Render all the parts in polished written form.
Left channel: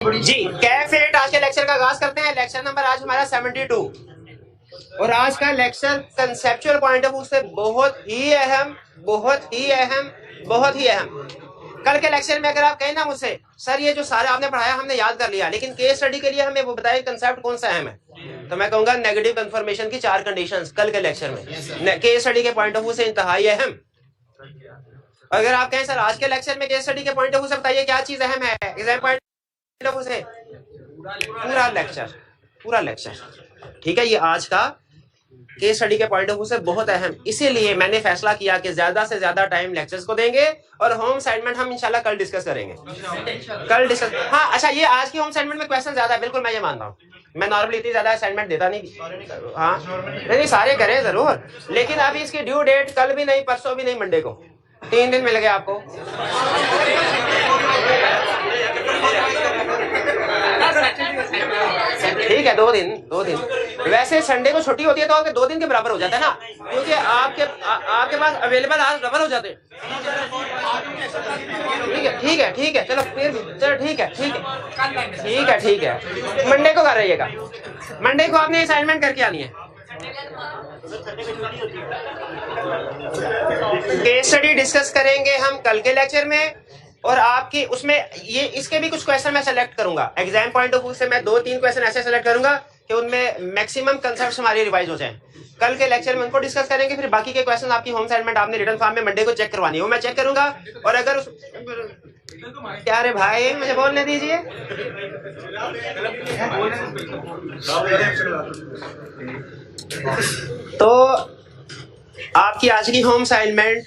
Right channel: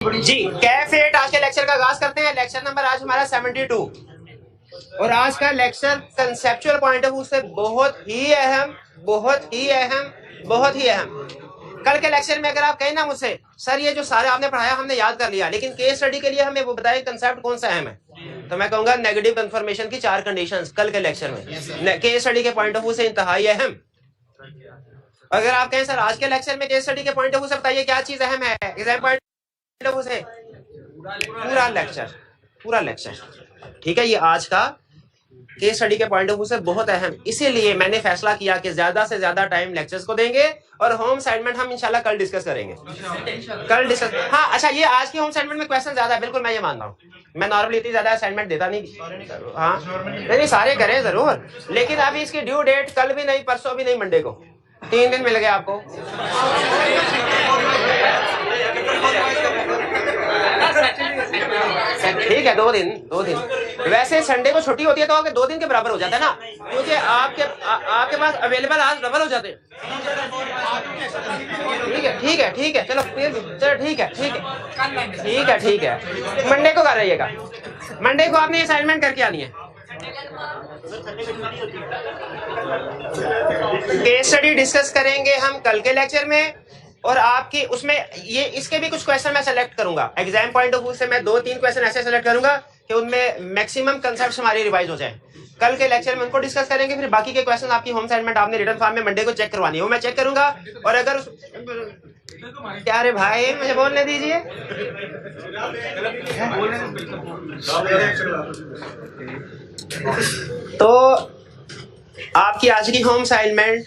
जी कैफेट आज के लेक्चर का आगाज करते हैं। लेक्चर नंबर आज हमारा 72 और आज का lecture conceptual point of view से बहुत ही अहम। कल के लेक्चर में अगर आप कहें ना मुझसे सर ये जो सारे आपने पढ़ाया हमने याद कर लिया, लेकिन केस स्टडी के लिए हमें वो बताइए कंसेप्ट कौन सा अहम है, तो मैं कहूंगा नेगेटिव कन्फर्मेशन की 4 कंडीशंस कल के लेक्चर में केस स्टडी के पॉइंट ऑफ व्यू से इंतहाई अहम। अगर आप कहें सर आज के लेक्चर में केस स्टडी के पॉइंट ऑफ व्यू से बताइए क्या चीज अहम है, एग्जाम पॉइंट से पूरा लेक्चर ठीक है, ये आज का केस स्टडी के पॉइंट ऑफ व्यू से बहुत अहम। इसीलिए मैंने फैसला किया कि ज्यादा से ज्यादा टाइम लेक्चर्स को देंगे और होम असाइनमेंट हम इंशाल्लाह कल डिस्कस करेंगे। हाँ अच्छा, ये आज की होम असाइनमेंट में क्वेश्चन ज्यादा है, बिल्कुल मैं ये मानता हूँ। मैं नॉर्मली इतनी ज्यादा असाइनमेंट देता नहीं। हाँ नहीं सारे करें जरूर, लेकिन अभी इसकी ड्यू डेट कल भी नहीं, परसों भी नहीं, मंडे को 3 दिन मिल गए आपको। ठीक है, 2 दिन वैसे संडे को छुट्टी होती है तो आपके 2 दिन के बराबर हो जाता है ना, क्योंकि आपके पास अवेलेबल आज डबल हो जाते हैं। ठीक है चलो फिर चलो ठीक है मंडे को कर रहिएगा। मंडे को आपने असाइनमेंट करके आनी है। केस स्टडी डिस्कस करेंगे हम कल के लेक्चर में, और आपकी उसमें ये इसके भी कुछ क्वेश्चन मैं सेलेक्ट करूंगा। एग्जाम पॉइंट ऑफ व्यू से मैं 2-3 क्वेश्चन ऐसे सेलेक्ट करूंगा कि उनमें मैक्सिमम कंसेप्ट्स हमारी रिवाइज हो जाए। कल के लेक्चर में उनको डिस्कस करेंगे, फिर बाकी के क्वेश्चन आपकी होम असाइनमेंट आपने रिटन फॉर्म में मंडे को चेक करवानी है, वो मैं चेक करूंगा। और अगर क्या रे भाई मुझे बोलने दीजिए। तो आपकी आज की होम असाइनमेंट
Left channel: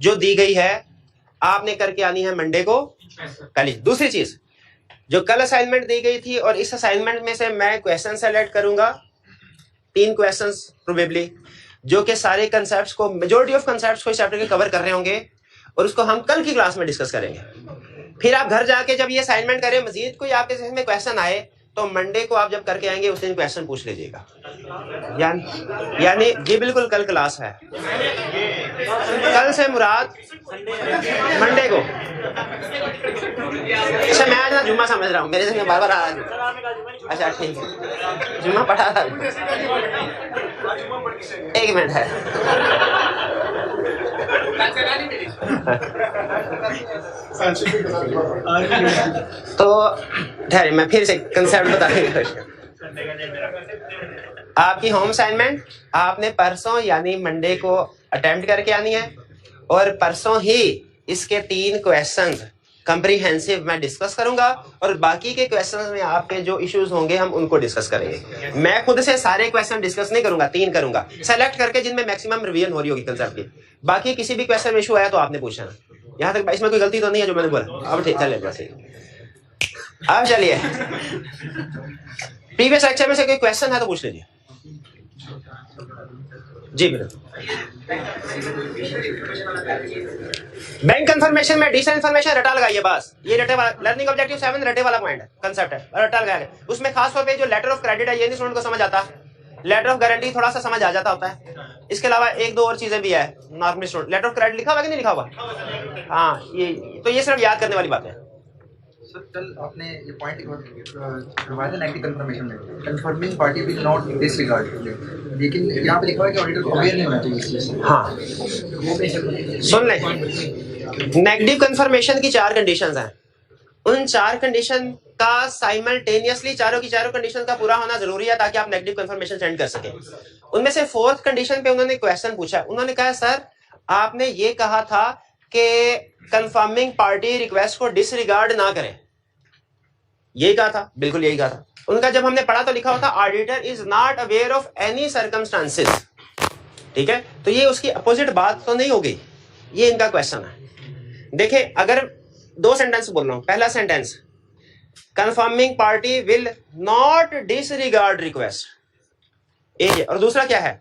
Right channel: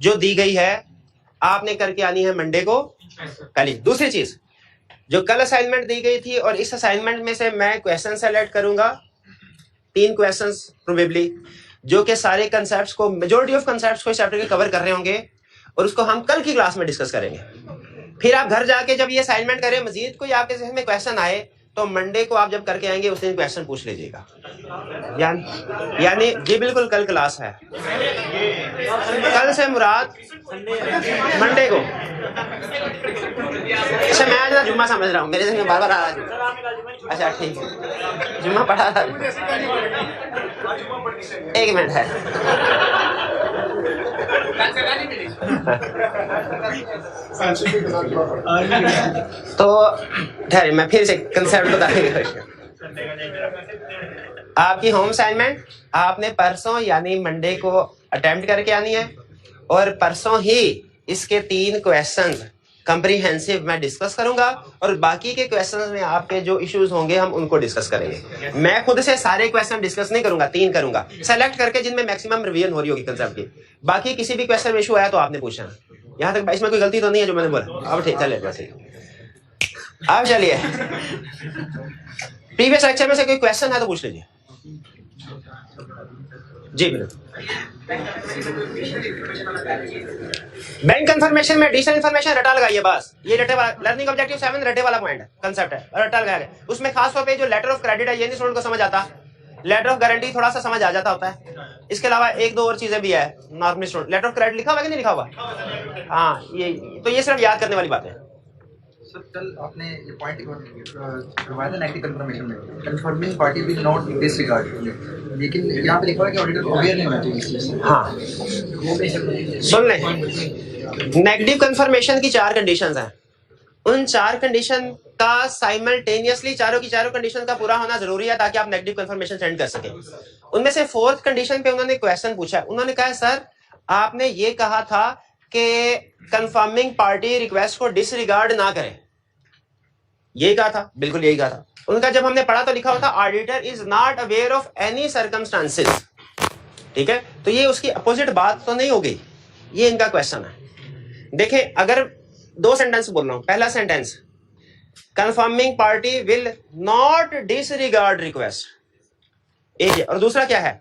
जो दी गई है आपने करके आनी है मंडे को कल ही। दूसरी चीज जो कल असाइनमेंट दी गई थी, और इस असाइनमेंट में से मैं क्वेश्चन सेलेक्ट करूंगा 3 क्वेश्चंस प्रोबेबली, जो कि सारे कंसेप्ट्स को, मेजॉरिटी ऑफ कंसेप्ट्स को इस चैप्टर के कवर कर रहे होंगे, और उसको हम कल की क्लास में डिस्कस करेंगे। फिर आप घर जाके जब ये असाइनमेंट करें, मजीद कोई आपके जहन में क्वेश्चन आए तो मंडे को आप जब करके आएंगे उस दिन क्वेश्चन पूछ लीजिएगा। यानी जी बिल्कुल कल क्लास है। कल से मुराद मंडे को। अच्छा मैं आज ना जुम्मा समझ रहा हूँ, मेरे जहन में बार बार आ रहा है। अच्छा ठीक है, जुम्मा पढ़ा था। 1 मिनट है। तो ठहरे मैं फिर से कंसेप्ट बताने की कोशिश करूं। आपकी होम असाइनमेंट आपने परसों यानी मंडे को अटेम्प्ट करके आनी है, और परसों ही इसके 3 क्वेश्चंस कंप्रीहेंसिव मैं डिस्कस करूंगा, और बाकी के क्वेश्चंस में आपके जो इश्यूज होंगे हम उनको डिस्कस करेंगे। मैं खुद से सारे क्वेश्चन डिस्कस नहीं करूंगा, 3 करूंगा सेलेक्ट करके जिनमें मैक्सिमम रिवीजन हो रही होगी कंसेप्ट की। बाकी किसी भी क्वेश्चन में इशू आया तो आपने पूछना। यहाँ तक इसमें कोई गलती तो नहीं है जो मैंने बोला? अब ठीक चलेगा सही। अब चलिए प्रीवियस लेक्चर में से कोई क्वेश्चन है तो पूछ लीजिए। जी बिल्कुल। बैंक कंफर्मेशन में एडिशनल इन्फॉर्मेशन रटा लगाइए बस। ये रटे वाला लर्निंग ऑब्जेक्टिव 7 रटे वाला पॉइंट है, कंसेप्ट है, रटा लगाया गया। उसमें खास तौर पे जो लेटर ऑफ क्रेडिट है ये नहीं स्टूडेंट को समझ आता, लेटर ऑफ गारंटी थोड़ा सा समझ आ जाता होता है। इसके अलावा 1-2 और चीजें भी है normal student. Letter of credit लिखा हुआ कि नहीं लिखा हुआ? हाँ ये तो ये सिर्फ याद करने वाली बात है। सर कल आपने ये पॉइंट करवाया था नेगेटिव कंफर्मेशन में, confirming party will not disregard, लेकिन यहाँ पे लिखा हुआ है कि ऑडिटर अवेयर नहीं होना चाहिए। हाँ सुन लें, नेगेटिव कंफर्मेशन की 4 कंडीशंस हैं। उन 4 कंडीशन का साइमल्टेनियसली चारों की चारों कंडीशन का पूरा होना जरूरी है ताकि आप नेगेटिव कंफर्मेशन सेंड कर सकें। उनमें से 4th कंडीशन पे उन्होंने क्वेश्चन पूछा। उन्होंने कहा सर आपने ये कहा था कि कंफर्मिंग पार्टी रिक्वेस्ट को डिसरिगार्ड ना करें, यही कहा था, बिल्कुल यही कहा था। उनका जब हमने पढ़ा तो लिखा हुआ था auditor is not aware of any circumstances. ठीक है, तो ये उसकी अपोजिट बात तो नहीं हो गई, ये इनका क्वेश्चन है। देखें अगर 2 सेंटेंस बोल रहा हूं, पहला sentence confirming party will not disregard request, एक, और दूसरा क्या है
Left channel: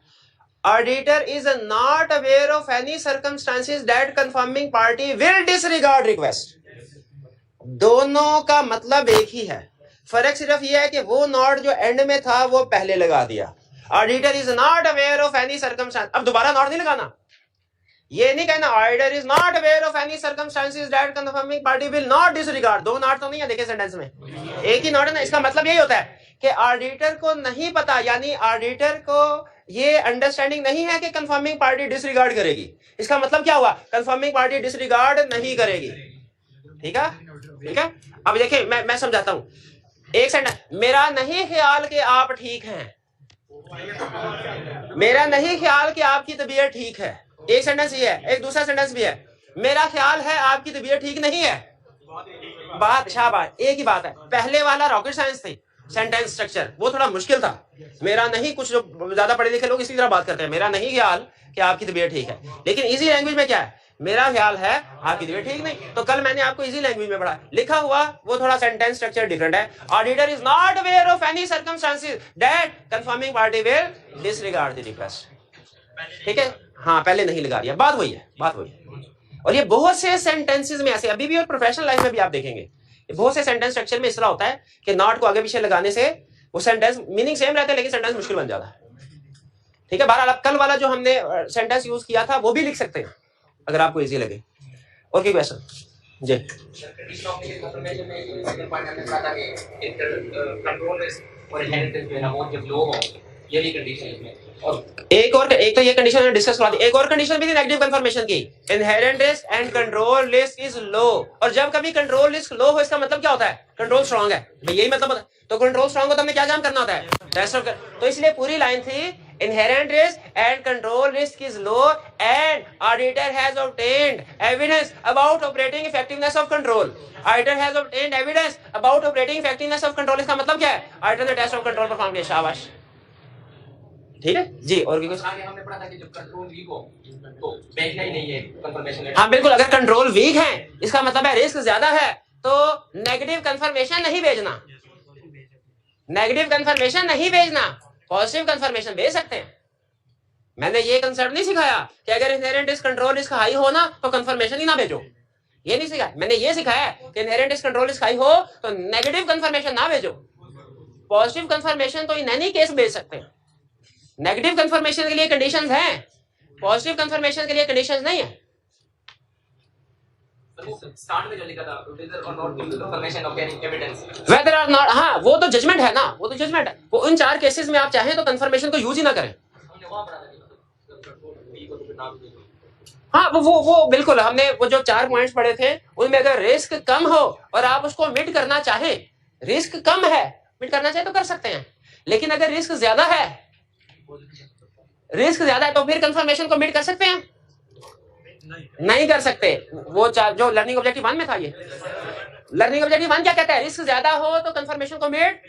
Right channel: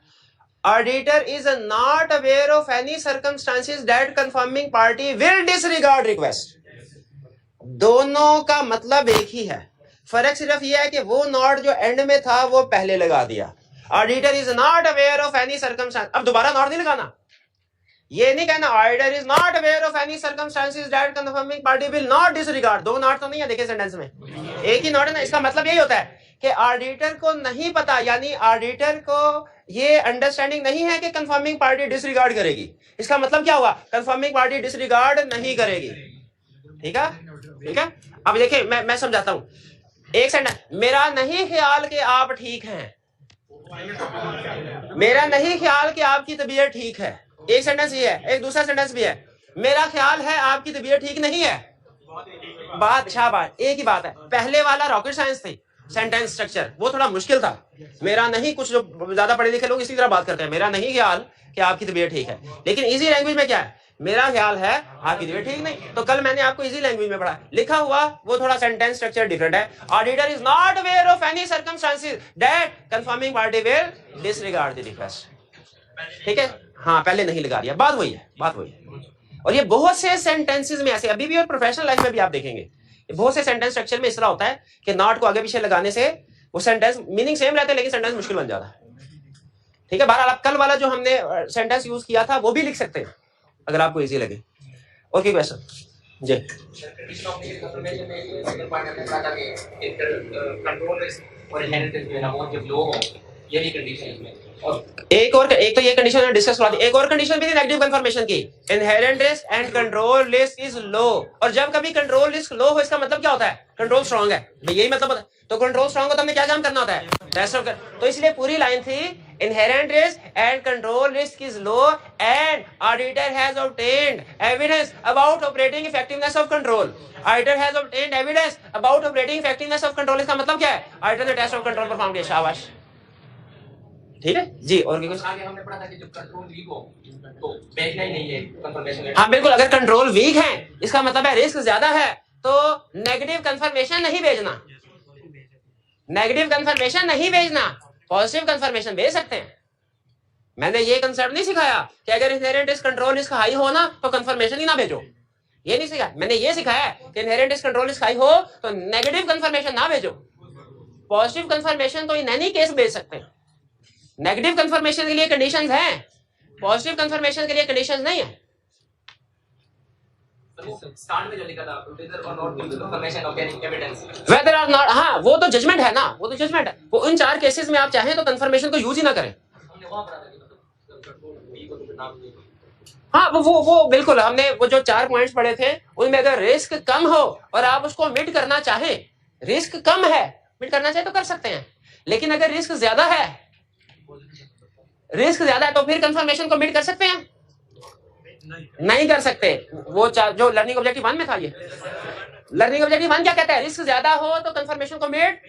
auditor is not aware of any circumstances that confirming party will disregard request. दोनों का मतलब एक ही है, फर्क सिर्फ यह है कि वो नॉट जो एंड में था वो पहले लगा दिया। Auditor is not aware of any circumstance, अब दोबारा नॉट नहीं लगाना, ये नहीं कहना auditor is not aware of any circumstances that confirming party will not disregard. दो नॉट तो नहीं है, देखिए सेंटेंस में एक ही नॉट है ना। इसका मतलब यही होता है कि ऑडिटर को नहीं पता, यानी ऑडिटर को ये अंडरस्टैंडिंग नहीं है कि कंफर्मिंग पार्टी डिसरिगार्ड करेगी। इसका मतलब क्या हुआ, कंफर्मिंग पार्टी डिसरिगार्ड नहीं करेगी। ठीक है, ठीक है। अब देखिए मैं समझाता हूं। एक सेंटेंस, मेरा नहीं ख्याल कि आप ठीक हैं, मेरा नहीं ख्याल कि आपकी तबीयत ठीक है। एक सेंटेंस ये है। एक दूसरा सेंटेंस भी है, मेरा ख्याल है आपकी तबीयत ठीक नहीं है। बात शाबाश, एक ही बात है। पहले वाला रॉकेट साइंस थी, सेंटेंस स्ट्रक्चर वो थोड़ा मुश्किल था। मेरा नहीं, कुछ जो ज्यादा पढ़े लिखे लोग इसी तरह बात करते हैं, मेरा नहीं ख्याल कि आपकी तबीयत ठीक है। लेकिन इजी लैंग्वेज में क्या है, मेरा ख्याल है आपकी तबीयत ठीक नहीं। तो कल मैंने आपको इजी लैंग्वेज में पढ़ा, लिखा हुआ वो थोड़ा सेंटेंस स्ट्रक्चर डिफरेंट है। Auditor is not aware of any circumstances that confirming party will disregard the request. ठीक है, हाँ पहले नहीं लगा दिया, बात वही है, बात वही है। और ये बहुत से सेंटेंसेस में ऐसे अभी भी और प्रोफेशनल लाइफ में भी आप देखेंगे, बहुत से सेंटेंस स्ट्रक्चर में इस तरह होता है कि नॉट को आगे पीछे लगाने से वो सेंटेंस मीनिंग सेम रहता है लेकिन सेंटेंस मुश्किल बन जाता है। ठीक है, बहरहाल आप कल वाला जो हमने सेंटेंस यूज किया था वो भी लिख सकते हैं अगर आपको इजी लगे। और कोई क्वेश्चन जी? एक तो ये कंडीशन डिस्कस करा दी। एक और कंडीशन भी थी नेगेटिव कंफर्मेशन की, inherent risk and control risk is low. और जब कभी कंट्रोल रिस्क लो हो इसका मतलब क्या होता है, कंट्रोल स्ट्रांग है, यही मतलब होता है। तो कंट्रोल स्ट्रांग हो तो हमें क्या काम करना होता है, टेस्ट ऑफ। तो इसलिए पूरी लाइन थी, inherent risk and control risk is low and auditor has obtained evidence about operating effectiveness of control. Auditor has obtained evidence about operating effectiveness of control। इसका मतलब क्या है, auditor ने टेस्ट ऑफ कंट्रोल परफॉर्म किया, शाबाश। ठीक है जी। और भी कुछ? आगे हमने पढ़ा था कि जब कंट्रोल वीक हो तो बेचना ही नहीं है कंफर्मेशन। हाँ बिल्कुल, अगर कंट्रोल वीक है इसका मतलब है रिस्क ज्यादा है, तो नेगेटिव कंफर्मेशन नहीं भेजना, नेगेटिव कंफर्मेशन नहीं भेजना, पॉजिटिव कंफर्मेशन भेज सकते हैं। मैंने ये कंसेप्ट नहीं सिखाया कि अगर inherent risk control risk high हो ना तो कंफर्मेशन ही ना भेजो, ये नहीं सिखाया। मैंने ये सिखाया कि inherent risk control risk high हो तो नेगेटिव कंफर्मेशन ना भेजो, पॉजिटिव कंफर्मेशन तो इन एनी केस भेज सकते हैं। नेगेटिव कंफर्मेशन के लिए कंडीशंस हैं, पॉजिटिव कंफर्मेशन के लिए कंडीशंस नहीं है। स्टार्ट में जो लिखा था whether or not confirmation of any evidence, whether or not, हाँ वो तो जजमेंट है ना, वो तो जजमेंट है। वो उन चार केसेस में आप चाहें तो कंफर्मेशन को यूज ही ना करें। हाँ वो बिल्कुल, हमने वो जो 4 पॉइंट्स पढ़े थे उनमें अगर रिस्क कम हो और आप उसको मिट करना चाहें, रिस्क कम है मिट करना चाहे तो कर सकते हैं। लेकिन अगर रिस्क ज्यादा है, रिस्क ज्यादा है तो फिर कंफर्मेशन को मिट कर सकते हैं, नहीं कर सकते। वो जो लर्निंग ऑब्जेक्टिव 1 में था, ये लर्निंग ऑब्जेक्टिव 1 क्या कहता है, रिस्क ज्यादा हो तो कंफर्मेशन को मिट,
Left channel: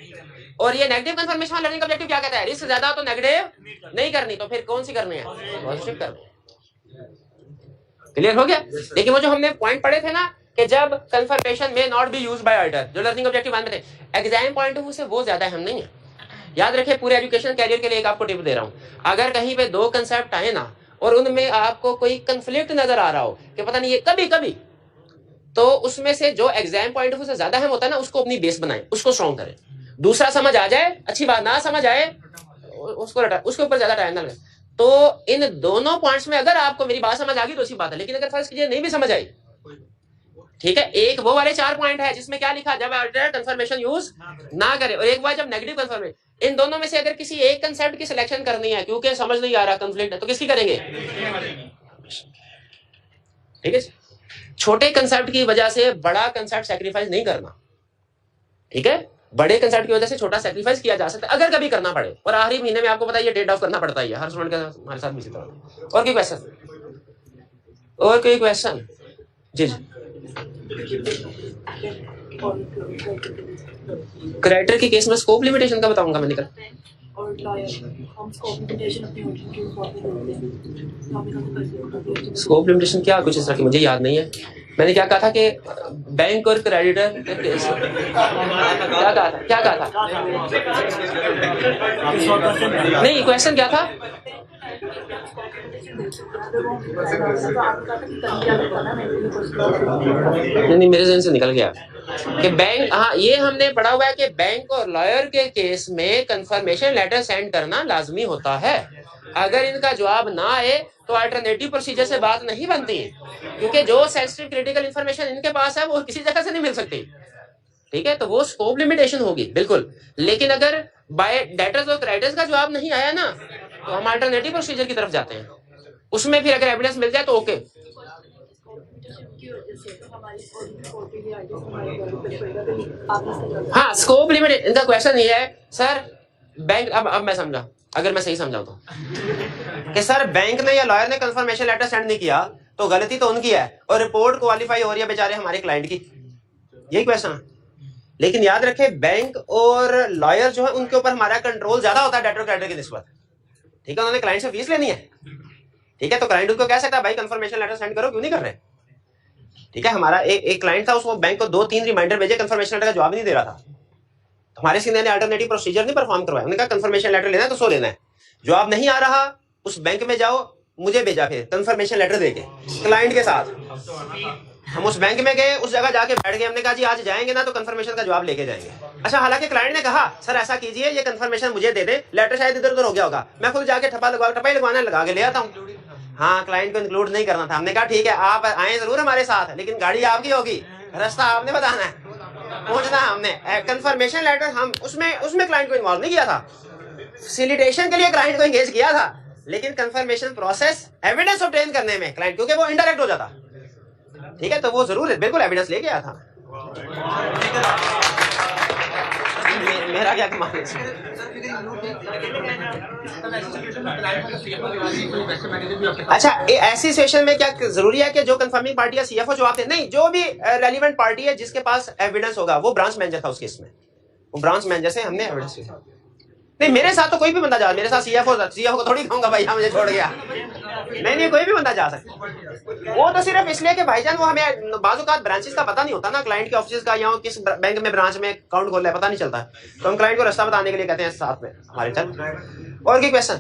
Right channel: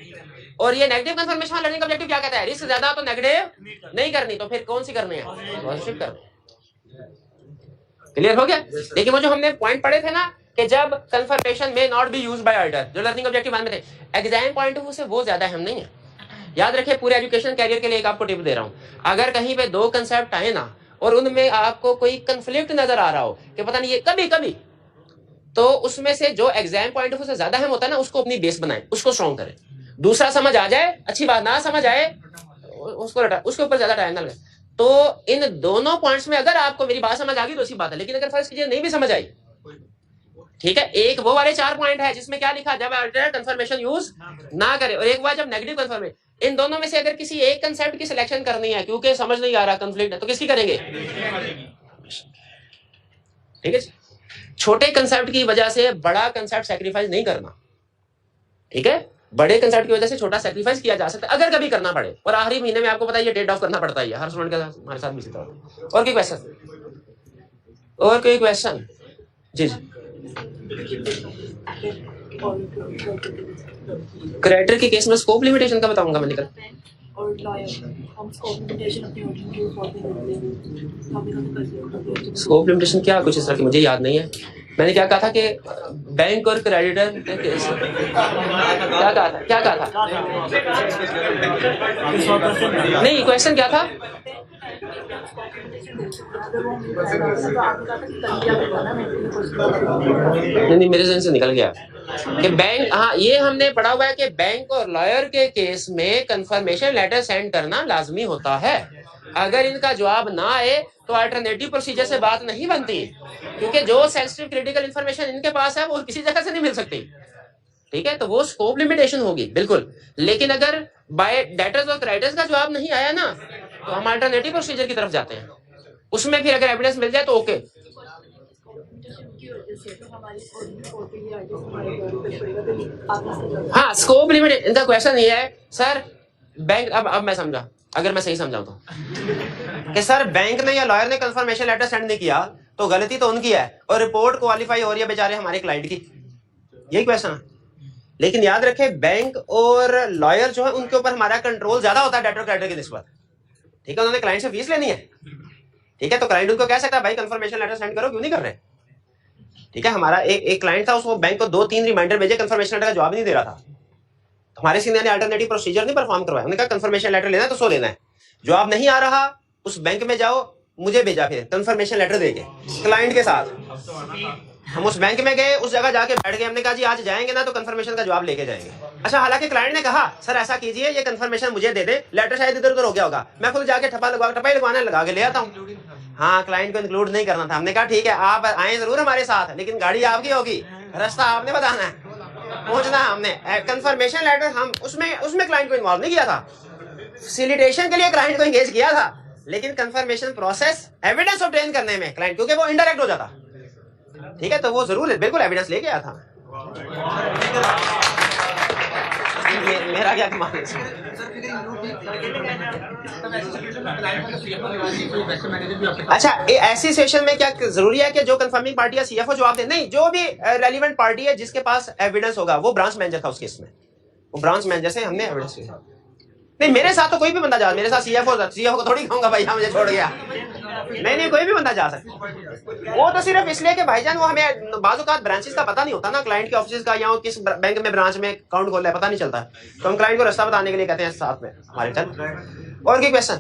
और ये नेगेटिव कंफर्मेशन लर्निंग ऑब्जेक्टिव क्या कहता है, रिस्क ज्यादा हो तो नेगेटिव नहीं करनी, तो फिर कौन सी करनी है, पॉजिटिव करनी है। क्लियर हो गया? लेकिन वो जो हमने पॉइंट पढ़े थे ना कि जब कंफर्मेशन में not be used by auditor, जो लर्निंग ऑब्जेक्टिव 1 में थे, एग्जाम पॉइंट ऑफ व्यू से वो ज्यादा अहम नहीं है। याद रखिए, पूरे एजुकेशन कैरियर के लिए एक आपको टिप दे रहा हूं, अगर कहीं पे 2 कंसेप्ट आए ना और उनमें आपको कोई कंफ्लिक्ट नजर आ रहा हो कि पता नहीं ये कभी कभी, तो उसमें से जो एग्जाम पॉइंट ऑफ व्यू से ज्यादा अहम होता है ना उसको अपनी बेस बनाएं, उसको स्ट्रॉन्ग करें। दूसरा समझ आ जाए अच्छी बात, ना समझ आए उसके ऊपर ज्यादा टाइम ना लगे। तो इन दोनों पॉइंट्स में अगर आपको मेरी बात समझ आ गई तो अच्छी बात है, लेकिन अगर फर्स्ट कीजिए नहीं भी समझ आई, ठीक है, एक वो वाले 4 पॉइंट है जिसमें क्या लिखा, जब ऑडिटर कंफर्मेशन यूज ना करे, और एक बार जब नेगेटिव कंफर्मेशन। इन दोनों में से अगर किसी एक कंसेप्ट की सिलेक्शन करनी है क्योंकि समझ नहीं आ रहा, कंफ्लिक्ट है, तो किसकी करेंगे? ठीक है, छोटे कंसेप्ट की वजह से बड़ा कंसेप्ट सैक्रिफाइस नहीं करना, ठीक है, बड़े कंसेप्ट की वजह से छोटा सैक्रिफाइस किया जा सकता है अगर कभी करना पड़े, और आखिरी महीने में आपको पता है ये ट्रेड ऑफ करना पड़ता है हर स्टूडेंट के साथ, हमारे साथ भी इसी तरह। और कोई क्वेश्चन? और कोई क्वेश्चन? जी जी। क्रेडिटर के केस में स्कोप लिमिटेशन का बताऊंगा मैं, निकल स्कोप लिमिटेशन क्या कुछ इस तरह की मुझे याद नहीं है। मैंने क्या कहा था कि बैंक और क्रेडिटर के केस, क्या कहा था नहीं, क्वेश्चन क्या था? नहीं मेरे जहन से निकल गया कि बैंक, हाँ ये हमने पढ़ा हुआ है कि बैंक और लॉयर के केस में कंफर्मेशन लेटर सेंड करना लाजमी होता है। अगर इनका जवाब ना आए तो अल्टरनेटिव प्रोसीजर से बात नहीं बनती, क्योंकि जो सेंसिटिव क्रिटिकल इंफॉर्मेशन इनके पास है वो किसी जगह से नहीं मिल सकती, ठीक है। तो वो स्कोप लिमिटेशन होगी बिल्कुल। लेकिन अगर बाय डेटर्स और क्राइटर्स का जवाब नहीं आया ना, तो हम अल्टरनेटिव प्रोसीजर की तरफ जाते हैं, उसमें फिर अगर एविडेंस मिल जाए तो ओके। हाँ, स्कोप लिमिट, इनका क्वेश्चन ये है सर बैंक, अब मैं समझा, अगर मैं सही समझाऊं तो कि सर बैंक ने या लॉयर ने कंफर्मेशन लेटर सेंड नहीं किया तो गलती तो उनकी है और रिपोर्ट क्वालिफाई हो रही है बेचारे हमारे क्लाइंट की, यही क्वेश्चन है। लेकिन याद रखें बैंक और लॉयर जो है उनके ऊपर हमारा कंट्रोल ज्यादा होता है डेटर क्रेडिटर की निस्बत, ठीक है। उन्होंने क्लाइंट से फीस लेनी है, ठीक है, तो क्लाइंट उनको कह सकता है भाई कंफर्मेशन लेटर सेंड करो, क्यों नहीं कर रहे, ठीक है। हमारा एक क्लाइंट था, उसको बैंक को 2-3 रिमाइंडर भेजे, कंफर्मेशन लेटर का जवाब नहीं दे रहा था, तो हमारे सीनियर ने अल्टरनेटिव प्रोसीजर नहीं परफॉर्म करवाया। उन्होंने कहा कंफर्मेशन लेटर लेना है तो सो लेना है, जवाब नहीं आ रहा उस बैंक में जाओ, मुझे भेजा फिर कंफर्मेशन लेटर देके क्लाइंट के साथ। हम उस बैंक में गए, उस जगह जाके बैठ गए, हमने कहा जी आज जाएंगे ना तो कंफर्मेशन का जवाब लेके जाएंगे। अच्छा, हालांकि क्लाइंट ने कहा सर ऐसा कीजिए ये कंफर्मेशन मुझे दे दे, लेटर शायद इधर उधर हो गया होगा, मैं खुद जाके ठपाई लगवाने लगा के ले आता हूँ। हाँ, क्लाइंट को इंक्लूड नहीं करना था। हमने कहा ठीक है आप आए जरूर हमारे साथ, लेकिन गाड़ी आपकी होगी, रास्ता आपने बताना है, पहुंचना हमने। कंफर्मेशन लेटर हम उसमें क्लाइंट को इन्वॉल्व नहीं किया था, फैसिलिटेशन के लिए क्लाइंट को एंगेज किया था, लेकिन कंफर्मेशन प्रोसेस एविडेंस ऑब्टेन करने में क्लाइंट, क्योंकि वो इनडायरेक्ट हो जाता, ठीक है, तो वो जरूर बिल्कुल एविडेंस लेके आया था। मेरा क्या कमाल है। अच्छा, ऐसी सिचुएशन में क्या जरूरी है कि जो कंफर्मिंग पार्टी या सीएफओ जवाब दे? नहीं, जो भी रेलिवेंट पार्टी है जिसके पास एविडेंस होगा, वो ब्रांच मैनेजर था उस केस में, वो ब्रांच मैनेजर से हमने एविडेंस लिया। नहीं, मेरे साथ तो कोई भी बंदा जा, मेरे साथ सीएफओ को थोड़ी कहूंगा भाई मुझे छोड़ गया, नहीं कोई भी बंदा जा सकता। वो तो सिर्फ इसलिए कि भाईजान वो हमें बाज़-औक़ात ब्रांचेस का पता नहीं होता ना, क्लाइंट के ऑफिस का या किस बैंक में ब्रांच में अकाउंट खोलना है पता नहीं चलता, तो हम क्लाइंट को रास्ता बताने के लिए कहते हैं साथ में हमारे चल। और कोई क्वेश्चन?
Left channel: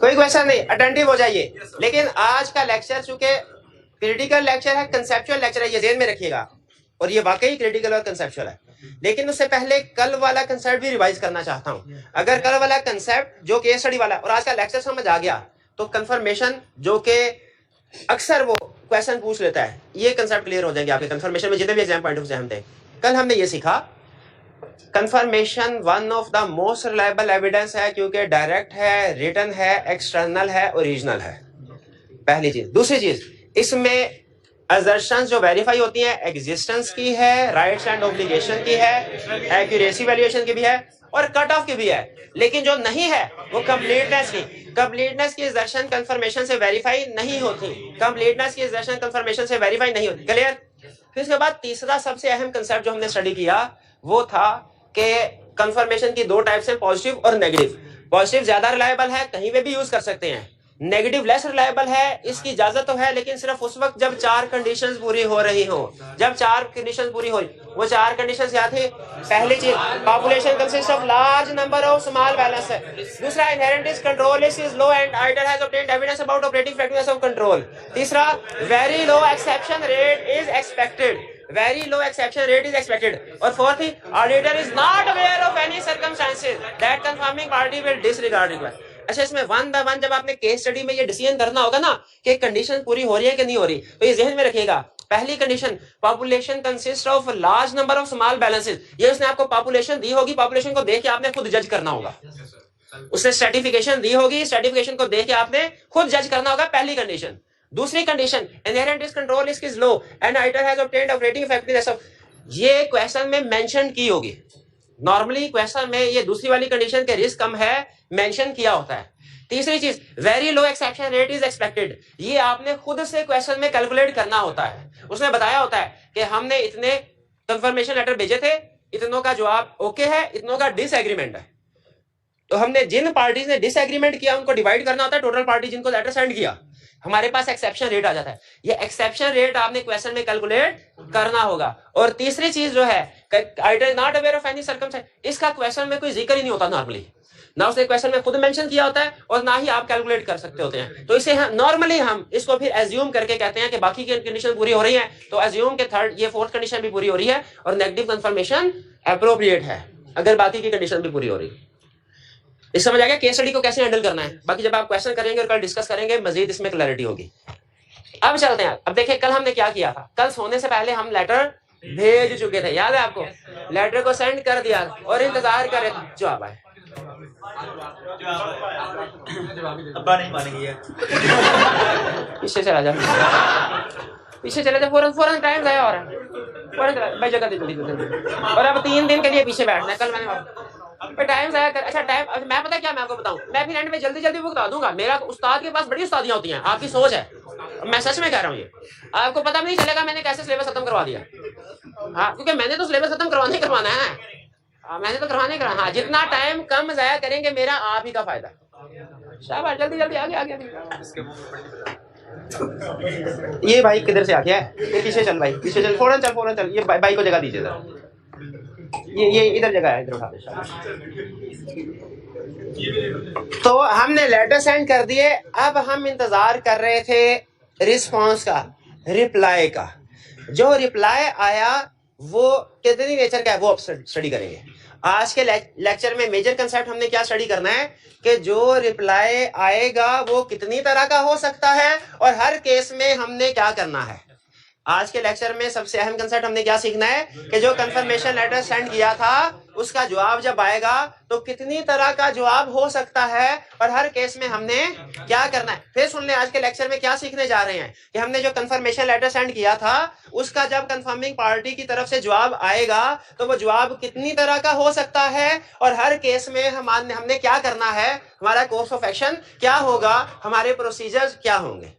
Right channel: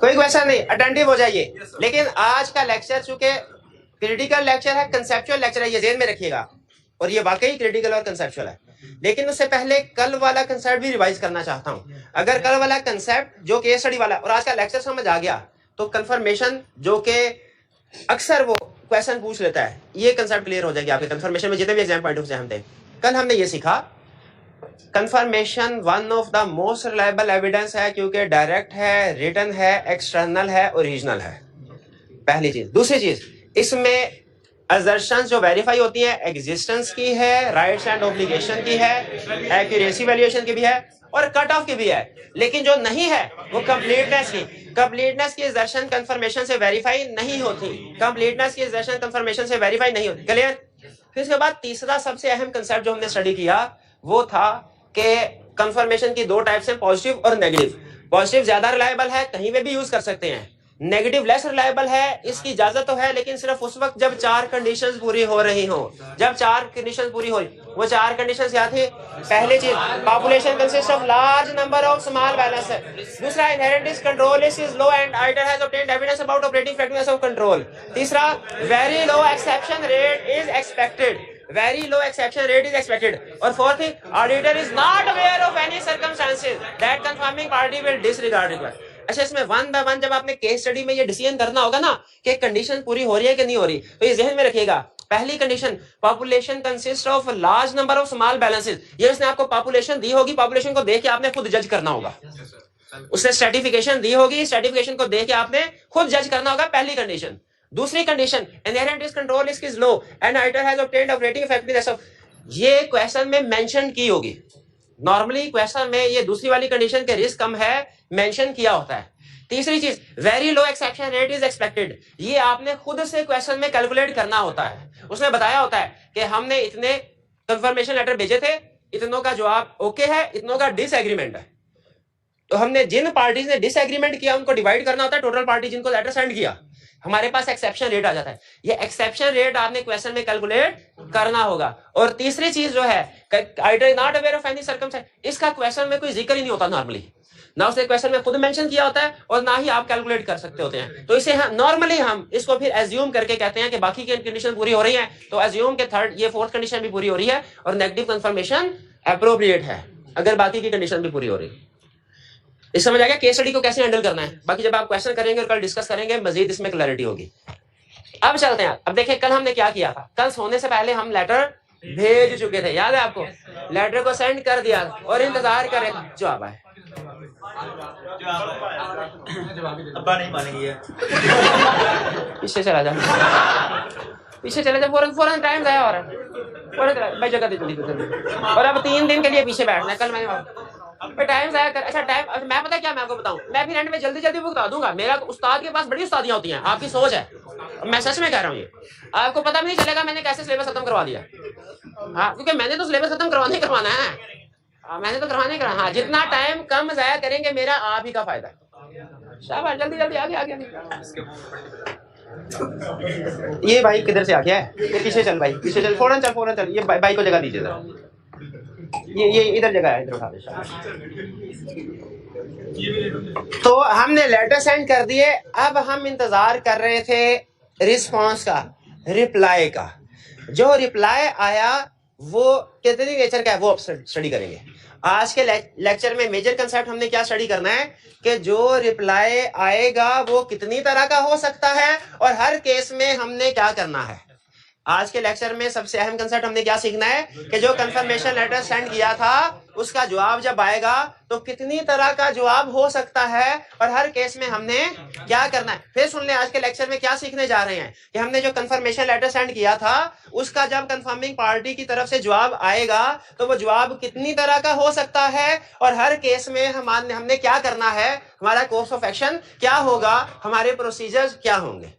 कोई क्वेश्चन नहीं, अटेंटिव हो जाइए। लेकिन आज का लेक्चर चूंकि क्रिटिकल लेक्चर है, कंसेप्चुअल लेक्चर है, ये ध्यान में रखिएगा, और ये वाकई क्रिटिकल और कंसेप्चुअल है। लेकिन उससे पहले कल वाला कंसेप्ट भी रिवाइज करना चाहता हूं। अगर कल वाला कंसेप्ट जो केस स्टडी वाला और आज का लेक्चर समझ आ गया तो कंफर्मेशन जो कि अक्सर वो क्वेश्चन पूछ लेता है, ये कंसेप्ट क्लियर हो जाएंगे आपके कंफर्मेशन में जितने भी एग्जाम पॉइंट ऑफ से हम थे। कल हमने ये सीखा confirmation one of the most reliable evidence है, क्योंकि डायरेक्ट है, रिटन है, एक्सटर्नल है, ओरिजिनल है, पहली चीज। दूसरी चीज, इसमें असर्शंस जो वेरीफाई होती हैं एग्जिस्टेंस की है, राइट्स एंड ऑब्लिगेशन की है, एक्यूरेसी वैल्यूएशन की भी है और कट ऑफ की भी है। लेकिन जो नहीं है वो कंप्लीटनेस की असर्शन कंफर्मेशन से वेरीफाई नहीं होती, कंप्लीटनेस की असर्शन कंफर्मेशन से वेरीफाई नहीं होती। क्लियर? फिर उसके बाद तीसरा सबसे अहम कंसेप्ट जो हमने स्टडी किया वो था कि कंफर्मेशन की दो टाइप्स हैं, पॉजिटिव और नेगेटिव। पॉजिटिव ज्यादा रिलायबल है, कहीं पे भी यूज कर सकते हैं, नेगेटिव लेस रिलायबल है, इसकी इजाजत तो है लेकिन सिर्फ उस वक्त जब 4 कंडीशंस पूरी हो रही हो। जब 4 कंडीशंस पूरी हो, वो 4 कंडीशंस क्या थी? पहली चीज, population consist of large number of small balance है। दूसरा, inherent is control is low and auditor has obtained evidence about operating effectiveness of control. तीसरा, very low exception rate is expected, very low exception rate is expected। और fourth, auditor is not aware of any circumstances that confirming party will disregard request। अच्छा, इसमें one by one जब आपने case study में ये decision करना होगा ना कि कंडीशन पूरी हो रही है कि नहीं हो रही, तो ये ज़हन में रखिएगा। पहली condition, population consist of large number of small balances, ये उसने आपको पॉपुलेशन दी होगी, पॉपुलेशन को देख के आपने खुद जज करना होगा। उसने स्ट्रेटिफिकेशन दी होगी, स्ट्रेटिफिकेशन को देख के आपने खुद जज करना होगा, पहली कंडीशन। दूसरी condition, inherent is control is low and auditor has obtained operating effectiveness of, ये क्वेश्चन में मेंशन की होगी। नॉर्मली क्वेश्चन में ये दूसरी वाली कंडीशन के रिस्क कम है मेंशन किया होता है। तीसरी चीज, very low exception rate is expected, ये आपने खुद से क्वेश्चन में कैलकुलेट करना होता है। उसने बताया होता है कि हमने इतने कंफर्मेशन लेटर भेजे थे, इतनों का जवाब ओके है, इतनों का डिसएग्रीमेंट है, तो हमने जिन पार्टीज ने डिसएग्रीमेंट किया उनको डिवाइड करना होता है टोटल पार्टी जिनको लेटर सेंड किया, हमारे पास एक्सेप्शन रेट आ जाता है। ये एक्सेप्शन रेट आपने क्वेश्चन में कैलकुलेट करना होगा। और तीसरी चीज जो है, auditor not aware of any circumstance, इसका क्वेश्चन में कोई जिक्र ही नहीं होता नॉर्मली, ना उसने क्वेश्चन में खुद मेंशन किया होता है और ना ही आप कैलकुलेट कर सकते होते हैं। तो इसे नॉर्मली हम इसको फिर एज्यूम करके कहते हैं कि बाकी की कंडीशन पूरी हो रही है, तो एज्यूम के थर्ड ये फोर्थ कंडीशन भी पूरी हो रही है और नेगेटिव कंफर्मेशन एप्रोप्रिएट है अगर बाकी की कंडीशन भी पूरी हो रही है। इस समझ आ गया केस स्टडी को कैसे हैंडल करना है। बाकी जब आप क्वेश्चन करेंगे और कल डिस्कस करेंगे मजीद इसमें क्लैरिटी होगी। अब चलते हैं। अब देखिए कल हमने क्या किया था। कल सोने से पहले हम लेटर भेज चुके थे, याद है आपको? लेटर को सेंड कर दिया और इंतजार कर रहे थे जवाब आए। अब्बा नहीं मानेंगे। पीछे चला जा, पीछे चले जा, फौरन टाइम जाया हो रहा है, फौरन भाई जगह दे जल्दी। और अब 3 दिन के लिए पीछे बैठना है। कल मैंने टाइम जाया कर। अच्छा टाइम, मैं पता क्या मैं आपको बताऊं, मैं फिर एंड में जल्दी भुगता दूंगा। मेरा उस्ताद के पास बड़ी उस्तादियां होती हैं, आपकी सोच है, मैं सच में कह रहा हूँ। ये आपको पता भी नहीं चलेगा मैंने कैसे सिलेबस खत्म करवा दिया। हाँ, क्योंकि मैंने तो सिलेबस खत्म करवाना है। मैंने तो करवाने का। हाँ, जितना टाइम कम जाया करेंगे मेरा आप ही का फायदा। शाबाश, जल्दी आगे। ये भाई किधर से आ गया है? ये पीछे चल भाई, पीछे चल, फौरन चल। ये भाई को जगह दीजिए जरा। ये इधर जगह है, इधर उठा दे। तो हमने लेटर सेंड कर दिए। अब हम इंतजार कर रहे थे रिस्पांस का, रिप्लाई का। जो रिप्लाई आया वो कितनी नेचर का है वो अब स्टडी करेंगे। आज के लेक्चर में मेजर कंसेप्ट हमने क्या स्टडी करना है कि जो रिप्लाई आएगा वो कितनी तरह का हो सकता है और हर केस में हमने क्या करना है। आज के लेक्चर में सबसे अहम कंसेप्ट हमने क्या सीखना है कि जो कंफर्मेशन लेटर सेंड किया था उसका जवाब जब आएगा तो कितनी तरह का जवाब हो सकता है और हर केस में हमने क्या करना है। फिर सुन ले, आज के लेक्चर में क्या सीखने जा रहे हैं कि हमने जो कंफर्मेशन लेटर सेंड किया था उसका जब कंफर्मिंग पार्टी की तरफ से जवाब आएगा तो वो जवाब कितनी तरह का हो सकता है और हर केस में हमने क्या करना है, हमारा कोर्स ऑफ एक्शन क्या होगा, हमारे प्रोसीजर्स क्या होंगे।